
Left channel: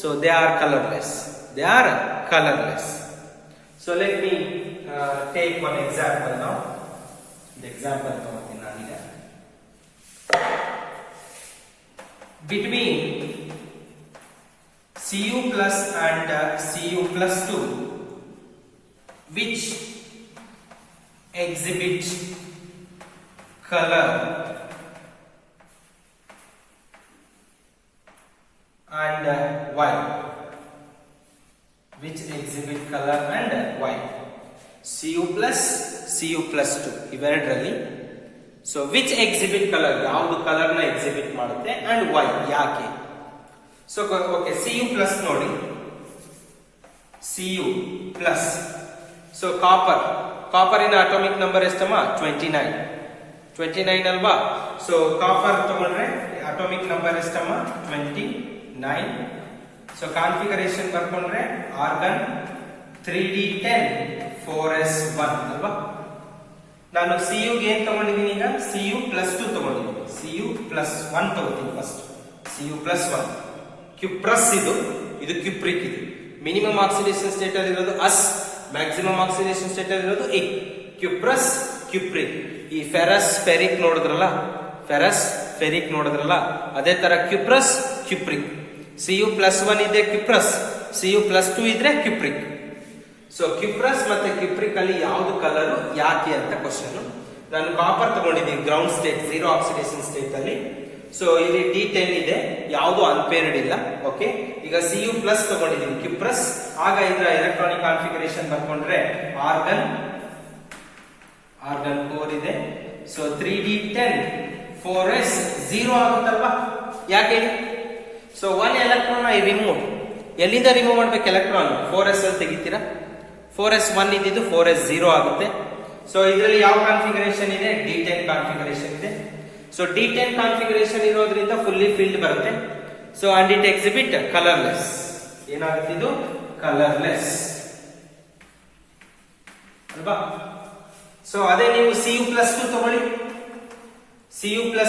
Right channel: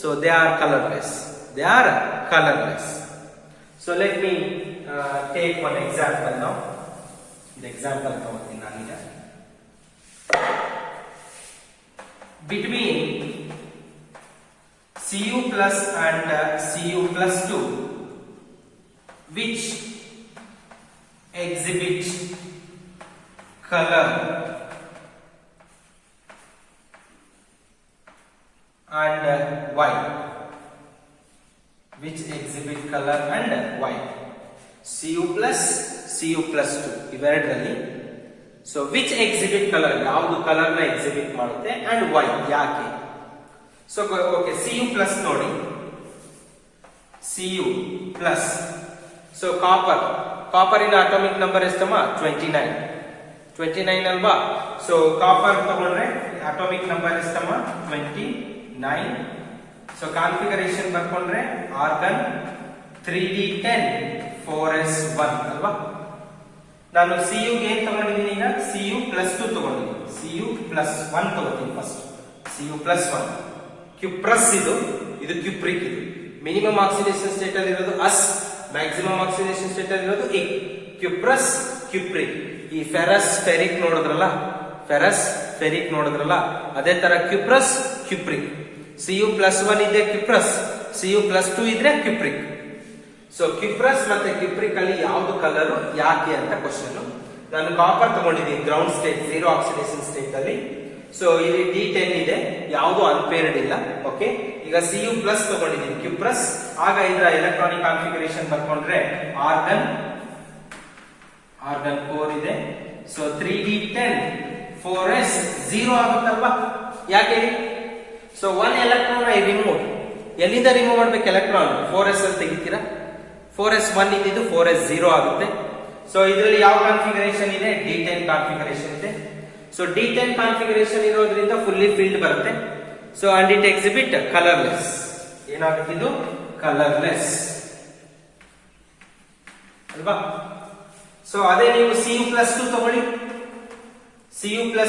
so they are colourless. So let me take one example ನಾವು. Example ತಗೋತೀನಿ ನಾನೀಗ. Between Cu plus and Cu plus 2, which exhibit color and white? Which exhibit color and white? Cu plus 2 ಇವೆರಡರಲ್ಲಿ. So which exhibit colour, ಯಾವುದು colour ನ exhibit ಮಾಡುತ್ತೆ and why, ಯಾಕೆ? So okay, Cu plus ನೋಡಿ, Cu plus. So ಕಾಪರಿನ atomic number ಎಷ್ಟಮ್ಮ? 29 ಅಲ್ವಾ? So copper ತಗೊಂಡ್ರೆ ಅಟಾಮಿಕ್ ನಂಬರ್ ಎಷ್ಟಮ್ಮ? 29. ಸೊ ಕಾನ್ಫಿಗರೇಷನ್ ಬರ್ಕೊಂಡ್ರೆ ಆರ್ಗನ್ 3d10 4s1 ಅಲ್ವಾ? ನಾನು Cu ಗೆ ಏನ್ ತಗೊಂಡಿದ್ದೀನಿ ಈಗ? Cu ಪ್ಲಸ್ 2 ತಗೊಂಡಿದ್ದೀನಿ. Cu ಪ್ಲಸ್ 1 ತಗೋತೀನಿ ಫಸ್ಟ್. Cu ಪ್ಲಸ್ 1 ಕ್ಯುಪ್ರಸ್, ಇದು ಕ್ಯುಪ್ರಿಕ್. ಇದು ಮಿನಿಮಮ್ ಆಕ್ಸಿಡೇಷನ್ ಸ್ಟೇಟ್ ಅಲ್ಲಿ ಇರೋದು ಅಸ್, ಮ್ಯಾಕ್ಸಿಮಮ್ ಆಕ್ಸಿಡೇಷನ್ ಸ್ಟೇಟ್ ಅಲ್ಲಿ ಇರೋದು ಇ. Cuprous, cupric. ಈ ಫೆರಸ್ ಫೆರಿಕ್ ನೋಡಿದ್ರಲ್ಲ, ಅದೇ ತರ ಕ್ಯುಪ್ರಸ್, ಕ್ಯುಪ್ರಿಕ್. Cu ಪ್ಲಸ್ 1 ಇದ್ರೆ ಕ್ಯುಪ್ರಸ್, Cu ಪ್ಲಸ್ 2 ಇದ್ರೆ ಕ್ಯುಪ್ರಿಕ್. ಸೊ ಕ್ಯುಪ್ರಸ್ ಮತ್ತೆ ಕ್ಯುಪ್ರಿಕ್ ಅಲ್ಲಿ ಯಾವ್ದು ಕಲರ್, ಯಾಕೆ ಅಂತ ಕ್ವಶನ್. ನಾನು ಕಾಪರ್ ತಗೊಂಡಿದ್ದೀನಿ ಗ್ರೌಂಡ್ ಸ್ಟೇಟ್, 0 ಆಕ್ಸಿಡೇಷನ್ ಸ್ಟೇಟ್ ಅಲ್ಲಿ. ಸೊ ಇಲ್ಲಿ D10 ಇದೆ, ಯಾವುದು ಅನ್ಪೇರ್ಡ್ ಇಲ್ಲ. ಓಕೆ, ಈಗ Cu ಪ್ಲಸ್ ತಗೊಂಡಿದ್ದೀನಿ ಕ್ಯುಪ್ರಸ್. ಆಗ ಇದರ ಎಲೆಕ್ಟ್ರಾನಿಕ್ ಕಾನ್ಫಿಗರೇಷನ್ ಬರ್ಕೊಂಡ್ರೆ ಆರ್ಗನ್ 4 ಇದೆ. So 3d10 4s 0 ಆಗುತ್ತಲ್ವಾ? ಯಾಕೆ ಹೇಳಿ? So 1 electron I remove. ಎಲ್ಲಿಂದ ರಿಮೂವ್ ಮಾಡ್ಬೇಕು ಎಲೆಕ್ಟ್ರಾನ್? 4s ಅಲ್ಲಿ ತೆಗಿತೀರಾ? 4s1 ಇದ್ದಿದ್ದು 4s0 ಆಗುತ್ತೆ. ಸೊ ಇದರಲ್ಲಿ ಯಾವ ಕಾನ್ಫಿಗರೇಷನ್ ಇದೆ? D10 ಕಾನ್ಫಿಗರೇಷನ್ ಇದೆ. ಸೊ D10 ಕಾನ್ಫಿಗರೇಷನ್ ಇರೋದ್ರಿಂದ ಫುಲ್ಲಿ ಫಿಲ್ಡ್ ಬರುತ್ತೆ. So and it exhibit colourless. ಏನಾಗುತ್ತೆ ಇದು? ಕಲರ್ಲೆಸ್ ಅಲ್ವಾ? ಸೊ ಅದೇ ನೀವು Cu ಪ್ಲಸ್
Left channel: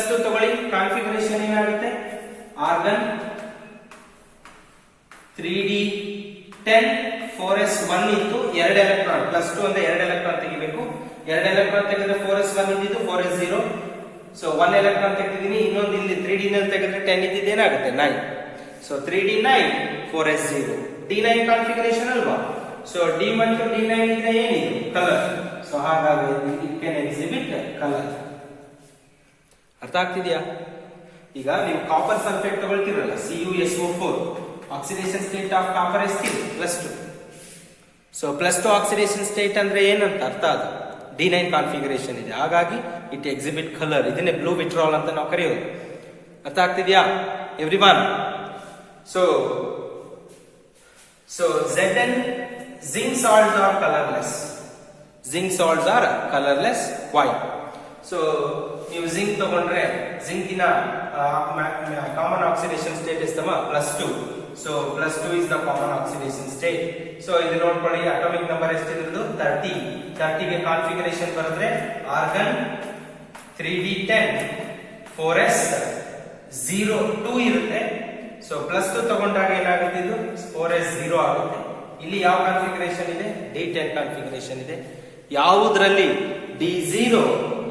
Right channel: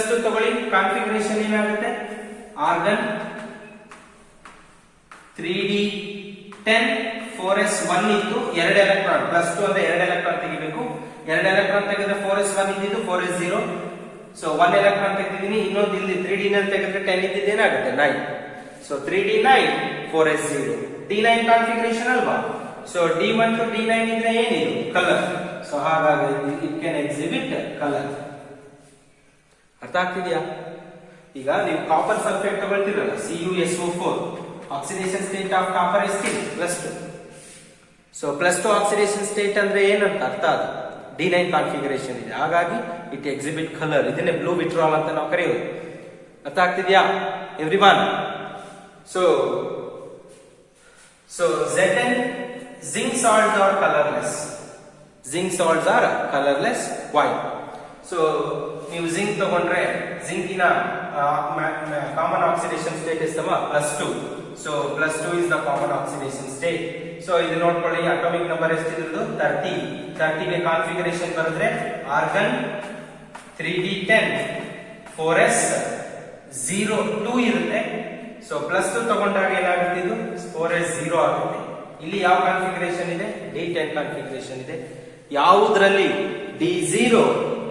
2 ತಗೊಳ್ಳಿ, ಕಾನ್ಫಿಗರೇಷನ್ ಏನಾಗುತ್ತೆ? ಆರ್ಗನ್ 3d10 4s1 ಇತ್ತು, 2 ಎಲೆಕ್ಟ್ರಾನ್ ಪ್ಲಸ್ 2 ಅಂದ್ರೆ 2 ಎಲೆಕ್ಟ್ರಾನ್ ತೆಗಿಬೇಕು. 2 ಎಲೆಕ್ಟ್ರಾನ್ ತೆಗೆದ್ರೆ 4s1 ಇದ್ದಿದ್ದು 4s0. ಸೊ 1 ಎಲೆಕ್ಟ್ರಾನ್ ತೆಗೆದಿದ್ದೀನಿ. ಇನ್ನೊಂದು ಇಲ್ಲಿ 3d ನಲ್ಲಿ ತೆಗೆದ್ರೆ 10 ಇದ್ದಿದ್ದು ಏನಾಗುತ್ತೆ? 9. So 3d9 4s0 D9 configuration ಅಲ್ವಾ? ಸೊ D1 to D9 ಇದ್ರೆ ಏನಿದು? ಕಲರ್. ಸೊ ಹಾಗಾಗಿ ಇಟ್ ಕ್ಯಾನ್ ಎಕ್ಸಿಬಿಟ್ ಕಲರ್. ಅರ್ಥ ಆಗ್ತಿದ್ಯಾ? ಈಗ ನೀವು ಕಾಪರ್ ಸಲ್ಫೇಟ್ ತಗೊಳ್ತಿರಲ್ಲ, CuSO4, oxidation state of copper ಎಷ್ಟು? Plus 2. So plus 2 oxidation state ಅಂದ್ರೆ ಏನಂತ ಅರ್ಥ? ಅದು D9 ಕಾನ್ಫಿಗರೇಷನ್ ಇದೆ, ಹಾಗಾಗಿ ಇಟ್ ಎಕ್ಸಿಬಿಟ್ ಕಲರ್. ಇದನ್ನೇ ಬ್ಲೂ ವಿಟ್ರಾಲ್ ಅಂತ ನಾವು ಕರೆಯೋದು. ಅರ್ಥ ಆಗ್ತಿದ್ಯಾ everyone? So Zn zinc salts are colorless. Why? So ನೀವು ಜಿಂಕ್ ತಗೊಂಡ್ರೆ ಜಿಂಕಿನ ಕಾಮನ್ ಆಕ್ಸಿಡೇಷನ್ ಸ್ಟೇಟ್ ಎಷ್ಟಮ್ಮ? Plus 2. So plus 2 is the common oxidation state. So ಇದು ನೋಡ್ಕೊಳ್ಳಿ, ಅಟಾಮಿಕ್ ನಂಬರ್ ಎಷ್ಟಿರೋದು? 30 ಗೆ ಕಾನ್ಫಿಗರೇಷನ್ ಬರೆದ್ರೆ ಆರ್ಗನ್ 3d10 4s02 ಇರುತ್ತೆ. ಸೊ ಪ್ಲಸ್ 2 ತಗೊಂಡಾಗ ಏನಾಗುತ್ತೆ? ಇದು 4s0 ಆಗುತ್ತೆ. ಇಲ್ಲಿ ಯಾವ ಕಾನ್ಫಿಗರೇಷನ್ ಇದೆ? D10 ಕಾನ್ಫಿಗರೇಷನ್ ಇದೆ. ಯಾವುದ್ರಲ್ಲಿ D0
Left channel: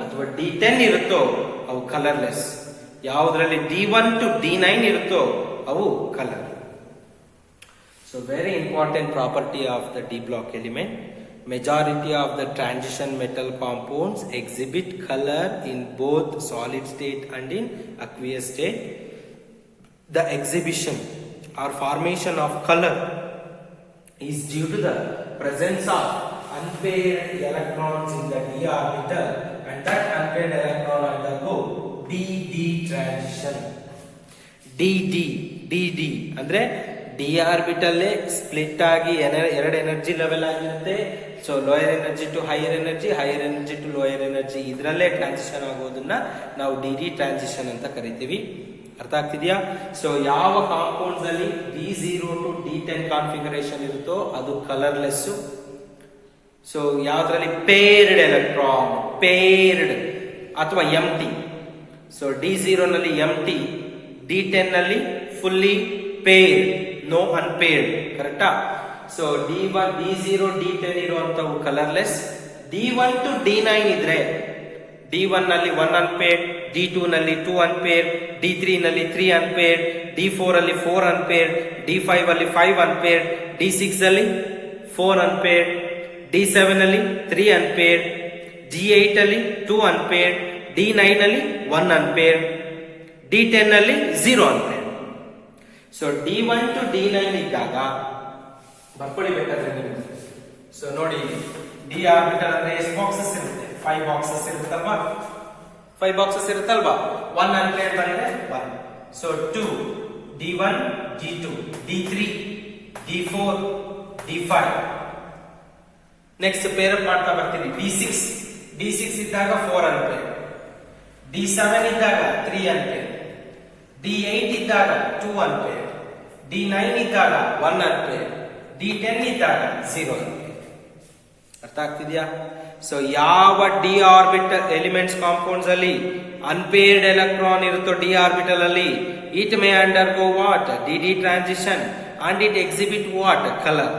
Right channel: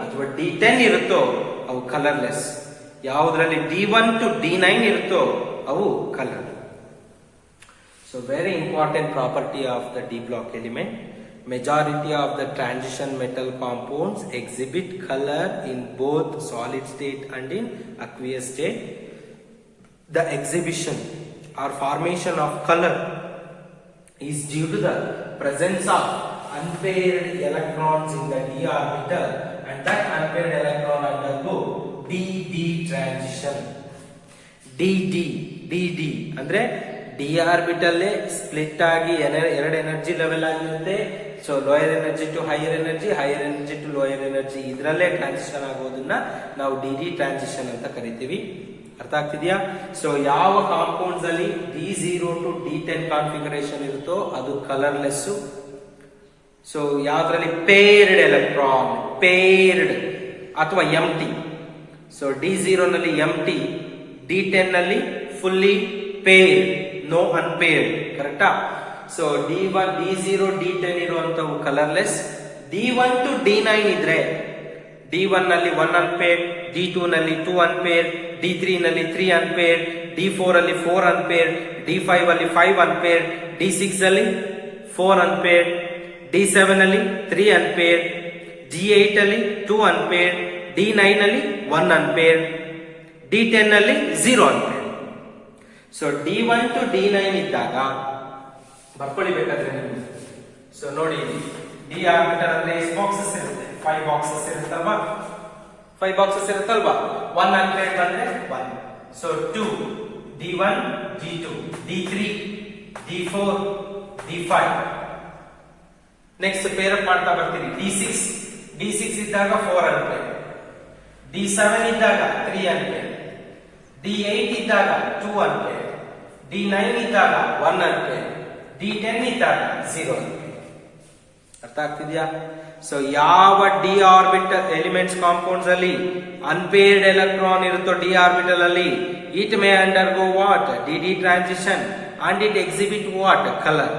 ಅಥವಾ D10 ಇರುತ್ತೋ ಅವು ಕಲರ್ಲೆಸ್. ಯಾವುದ್ರಲ್ಲಿ D1 to D9 ಇರುತ್ತೋ ಅವು colour. So very important property of the D block element. Majority of the transition metal compounds exhibit color in both solid state and in aqueous state. The exhibition or formation of color is due to the presence of unpaired electrons in the d orbital, and that unpaired electron undergo dd transition. dd ಅಂದ್ರೆ d orbital split ಆಗಿ ಎರಡು energy level ಆಗಿರುತ್ತೆ. So lower energy to higher energy to lower energy, ಇದರಲ್ಲೇ transition ಆಗೋದನ್ನ ನಾವು dd transition ಅಂತ ಕರಿತೀವಿ. ಅರ್ಥ ಆಗ್ತಿದ್ಯಾ? ಸೊ ಯಾವ ಕಾಂಪೌಂಡ್ಸ್ ಅಲ್ಲಿ D0 to D10 ಕಾನ್ಫಿಗರೇಷನ್ ಇರುತ್ತೋ ಅದು ಕಲರ್ಲೆಸ್. ಸೊ ಯಾವ್ದ್ರಲ್ಲಿ ಪೇರ್ಡ್ ಎಲೆಕ್ಟ್ರಾನ್, ಪೇರ್ಡ್ ಅಥವಾ ಎಂಟಿ. ಸೊ D0 ನಲ್ಲಿ ಎಂಟಿ, D10 ನಲ್ಲಿ ಫುಲ್ಲಿ ಪೇರ್ಡ್, ನೋ ಅನ್ಪೇರ್ಡ್. ಕರೆಕ್ಟಾ? ಸೊ D1 D0 D10 ಇರುವಂತವು ಕಲರ್ಲೆಸ್. D1 to D9 ಇದ್ರೆ D1 ನಲ್ಲಿ 1 ಅನ್ಪೇರ್ಡ್, D2 ನಲ್ಲಿ 2 ಅನ್ಪೇರ್ಡ್, D3 ನಲ್ಲಿ 3 ಅನ್ಪೇರ್ಡ್, D4 ಅಲ್ಲಿ 4 ಅನ್ಪೇರ್ಡ್, D5 ಅಲ್ಲಿ 5 ಅನ್ಪೇರ್ಡ್, D6 ಅಲ್ಲಿ 4 ಅನ್ಪೇರ್ಡ್, D7 ಅಲ್ಲಿ 3 ಅನ್ಪೇರ್ಡ್, D8 ಅಲ್ಲಿ 2 ಅನ್ಪೇರ್ಡ್, D9 ಅಲ್ಲಿ 1 ಅನ್ಪೇರ್ಡ್, D10 ಅಲ್ಲಿ 0 unpaired. So D1 to D9 ಇದ್ದಾಗ ಬರ್ಕೊಳ್ಳಿ ಬೇಕಾದ್ರೆ ನಿಮ್ಗೆ. ಸೊ ನೋಡಿ, ಡಿ ಆರ್ಬಿಟಲ್ ಅಂದ್ರೆ ಎಷ್ಟು ಬಾಕ್ಸಸ್ ಇರುತ್ತೆ? 5 ಬಾಕ್ಸಸ್ ಇರುತ್ತಲ್ವಾ? 5 ಬಾಕ್ಸಸ್ ಇರುತ್ತಲ್ವಾ? 1 ಅನ್ಪೇರ್ಡ್ ಬಂದ್ರೆ 1. So 2 D1 D2 D3 D4 D5. Next peer up ಮಾಡ್ತಾ ಬರ್ತೀವಿ. D6 ಇದ್ದಾಗ 4 ಅನ್ಪೇರ್ಡ್, D7 ಇದ್ದಾಗ 3 ಅನ್ಪೇರ್ಡ್, D8 ಇದ್ದಾಗ 2 ಅನ್ಪೇರ್ಡ್, D9 ಇದ್ದಾಗ 1 ಅನ್ಪೇರ್ಡ್, D10 ಇದ್ದಾಗ 0 ಅನ್ಪೇರ್ಡ್. ಅರ್ಥ ಆಗ್ತಿದ್ಯಾ? ಸೊ ಯಾವ ಡಿ ಆರ್ಬಿಟಲ್ ಎಲಿಮೆಂಟ್ಸ್ ಕಾಂಪೌಂಡ್ಸ್ ಅಲ್ಲಿ ಅನ್ಪೇರ್ಡ್ ಎಲೆಕ್ಟ್ರಾನ್ ಇರುತ್ತೋ ಡಿ ಆರ್ಬಿಟಲ್ ಅಲ್ಲಿ, it may undergo what? D transition and it exhibit what? Colour.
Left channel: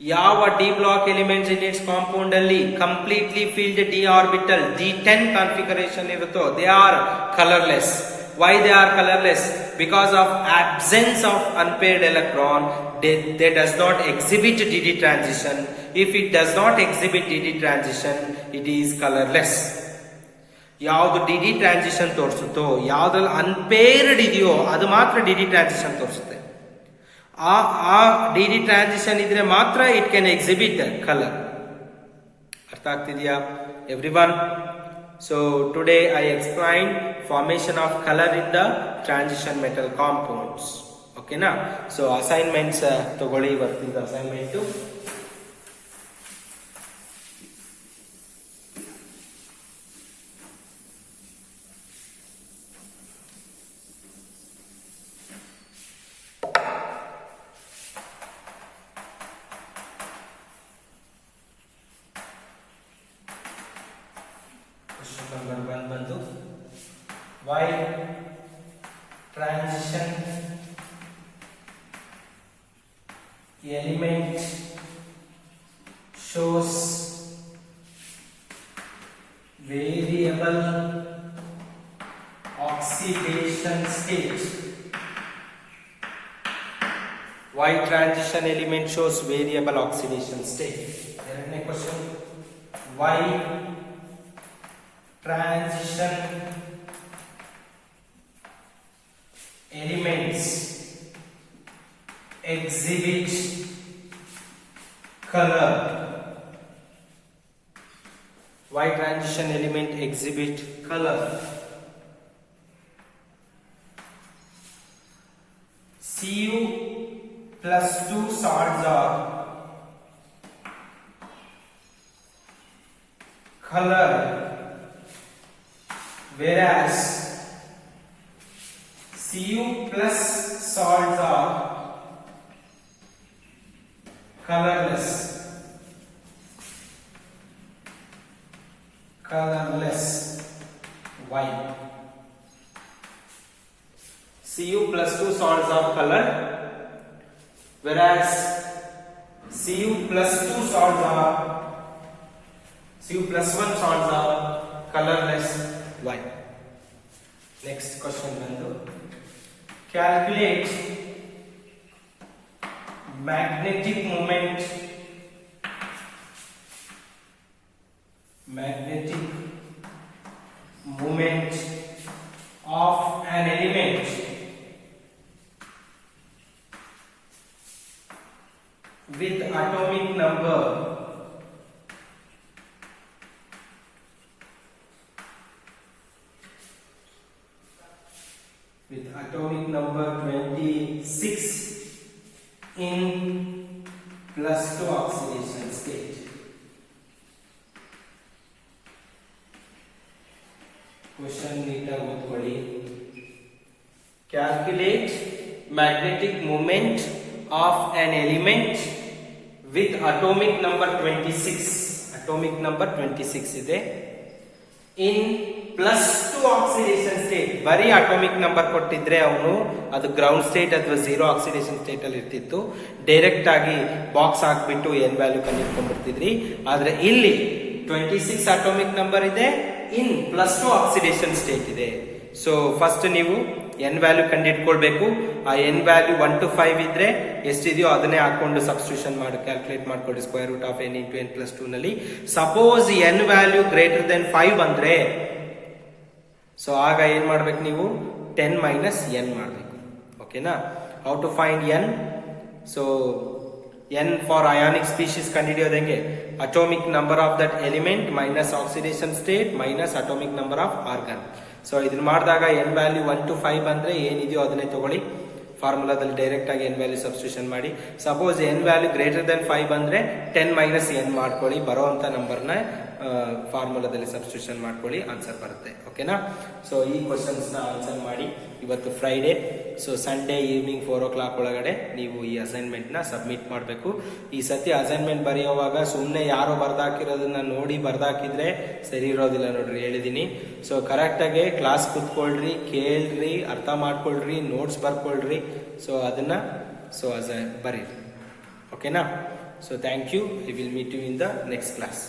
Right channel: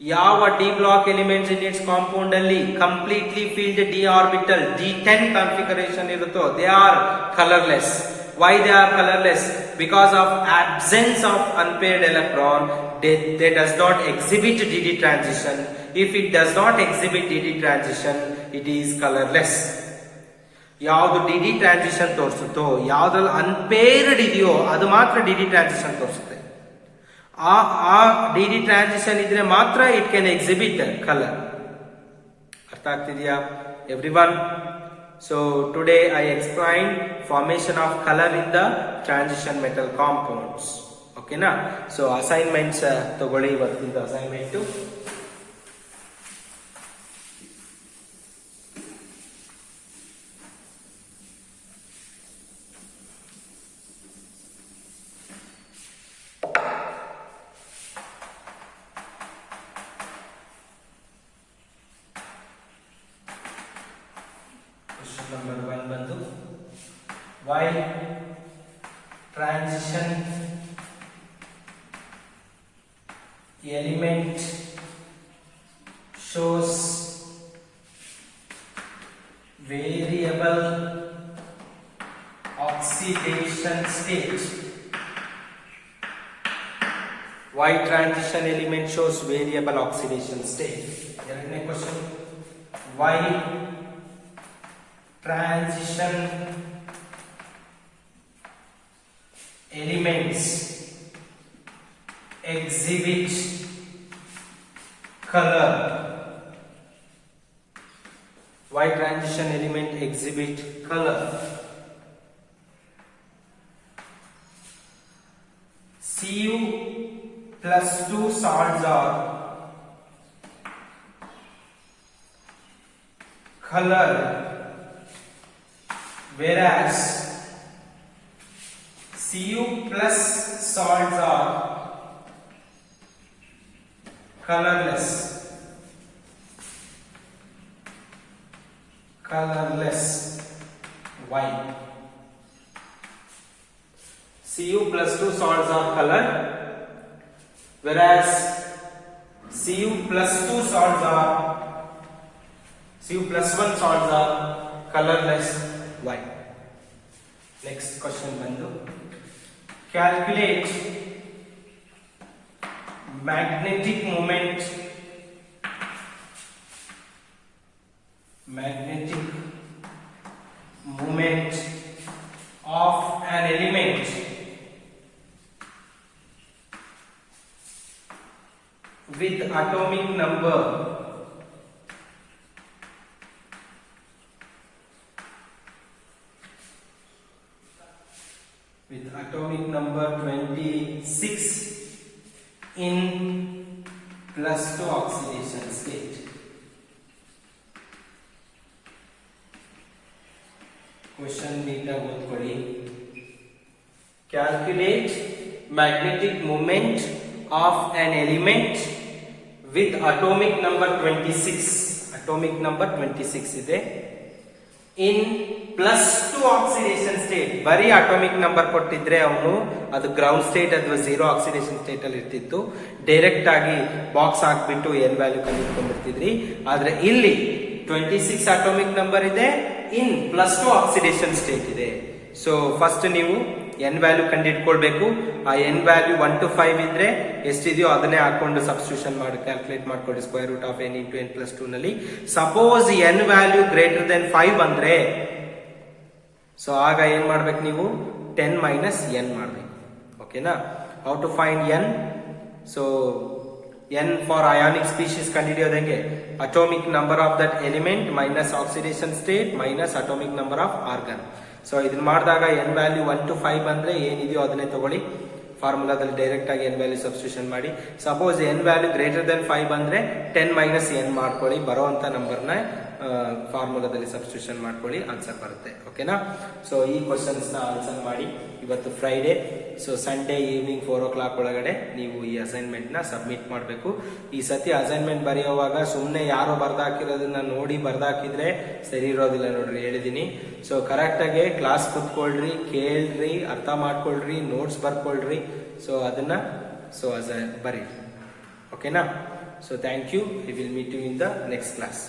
ಯಾವ d block elements in its compound ಅಲ್ಲಿ completely filled d orbital G10 configuration ಇರುತ್ತೋ they are colourless. Why they are colorless? Because of absence of unpaired electron, they does not exhibit DD transition. If it does not exhibit DD transition, it is colorless. ಯಾವುದು DD transition ತೋರಿಸುತ್ತೋ, ಯಾವ್ದ್ರಲ್ಲಿ unpaired ಇದೆಯೋ ಅದು ಮಾತ್ರ DD transition ತೋರಿಸುತ್ತೆ. ಆ DD transition ಇದ್ರೆ ಮಾತ್ರ it can exhibit color. ಅರ್ಥ ಆಗ್ತಿದ್ಯಾ everyone? So today I explained formation of color in the transition metal compounds. Okay na? So assignments ತಗೊಳ್ಳಿ ಇವತ್ತಿಂದ assignment. Number 1 ಬಂದು why transition element shows variable oxidation state. Why transition element shows variable oxidation state? ಎರಡನೇ question, why transition elements exhibit color? Why transition element exhibit color? Cu plus 2 salts are color, whereas Cu plus salts are colorless. Why? Cu plus 2 salts are colored, whereas Cu plus 2 salts are Cu plus 1 salts are colorless. Why? Next question bandu, calculate magnetic moment of an element with atomic number with atomic number 26 in +2 oxidation state. Question neatly ಓದ್ಕೊಳ್ಳಿ. Calculate magnetic moment of an element with atomic number 26. Atomic number 26 ಇದೆ in +2 oxidation state, ಬರೀ atomic number ಕೊಟ್ಟಿದ್ರೆ ಅವನು ಅದು ground state ಅಥವಾ 0 oxidation state ಅಲ್ಲಿ ಇರ್ತಿತ್ತು. Direct ಆಗಿ ಬಾಕ್ಸ್ ಹಾಕ್ಬಿಟ್ಟು ಎನ್ ವ್ಯಾಲ್ಯೂ ಕಂಡುಹಿಡ್ಕೊಂಡ್ಬಿಡ್ತಿದ್ರಿ. ಆದ್ರೆ ಇಲ್ಲಿ 26 ಅಟಾಮಿಕ್ ನಂಬರ್ ಇದೆ, ಇನ್ +2 ಆಕ್ಸಿಡೇಷನ್ ಸ್ಟೇಟ್ ಇದೆ. ಸೊ ಫಸ್ಟ್ ನೀವು ಎನ್ ವ್ಯಾಲ್ಯೂ ಕಂಡುಹಿಡ್ಕೊಳ್ಬೇಕು. ಆ ಎನ್ ವ್ಯಾಲ್ಯೂ 1 to 5 ಇದ್ರೆ ಎಷ್ಟಿದೆಯೋ ಅದನ್ನೇ ಹಾಕೊಂಡು ಸಬ್ಸ್ಟಿಟ್ಯೂಷನ್ ಮಾಡಿ ಕ್ಯಾಲ್ಕುಲೇಟ್ ಮಾಡ್ಕೊಳ್ಳಿ. Square root of n into n + 2 ನಲ್ಲಿ suppose N value greater than 5 ಅಂದ್ರೆ ಸೊ ಆಗ ಏನ್ ಮಾಡ್ಬೇಕು ನೀವು 10 ಮೈನಸ್ n ಮಾಡ್ಬೇಕು. ಓಕೆನಾ? How to find n? So n for ionic species ಕಂಡುಹಿಡಿಯೋದು ಹೆಂಗೆ? Atomic number of that element minus oxidation state minus atomic number of argon. So ಇದನ್ನ ಮಾಡಿದಾಗ n ವ್ಯಾಲ್ಯೂ 1 to 5 ಬಂದ್ರೆ ಏನಿದೆಯೋ ಅದನ್ನೇ ತಗೊಳ್ಳಿ. ಫಾರ್ಮುಲಾದಲ್ಲಿ ಡೈರೆಕ್ಟ್ ಆಗಿ n ವ್ಯಾಲ್ಯೂ ಸಬ್ಸ್ಟಿಟ್ಯೂಷನ್ ಮಾಡಿ. Suppose n value greater than 5 ಬಂದ್ರೆ 10 ಮೈನಸ್ n ಮಾಡ್ಕೊಳ್ಳಿ. ಬರೋಂತ ನಂಬರ್ನ ಫಾರ್ಮುಲಾದಲ್ಲಿ ಸಬ್ಸ್ಟಿಟ್ಯೂಷನ್ ಮಾಡ್ಕೊಳ್ಳಿ, ಆನ್ಸರ್ ಬರುತ್ತೆ. ಓಕೆನಾ? ಸೊ ಈ ಕ್ವಶನ್ಸ್ ನ ಆನ್ಸರ್ ಮಾಡಿ. ಇವತ್ತು Friday, so Sunday evening 4 o'clock ಒಳಗಡೆ ನೀವು ಈ ಅಸೈನ್ಮೆಂಟ್ ನ ಸಬ್ಮಿಟ್ ಮಾಡಬೇಕು. ಈ ಸತಿ ಅಸೈನ್ಮೆಂಟ್ ಬರೆಯುವಾಗ ಸುಮ್ಮನೆ ಯಾರೋ ಬರ್ದಾಕಿರೋದನ್ನ ನೋಡಿ ಬರ್ದಾಕಿದ್ರೆ ಸರಿ ಇರೋದಿಲ್ಲ ನೋಡ್ರಿ, ಹೇಳಿದೀನಿ. ಸೊ ಕರೆಕ್ಟ್ ಆಗಿ ಕ್ಲಾಸ್ ಕುತ್ಕೊಳ್ರಿ, ಕೇಳ್ರಿ, ಅರ್ಥ ಮಾಡ್ಕೊಳ್ರಿ, ನೋಟ್ಸ್ ಬರ್ಕೊಳ್ರಿ. ಸೊ ಅದನ್ನ ಬರೀರಿ. ಓಕೆನಾ? So thank you. We will meet you in the next class.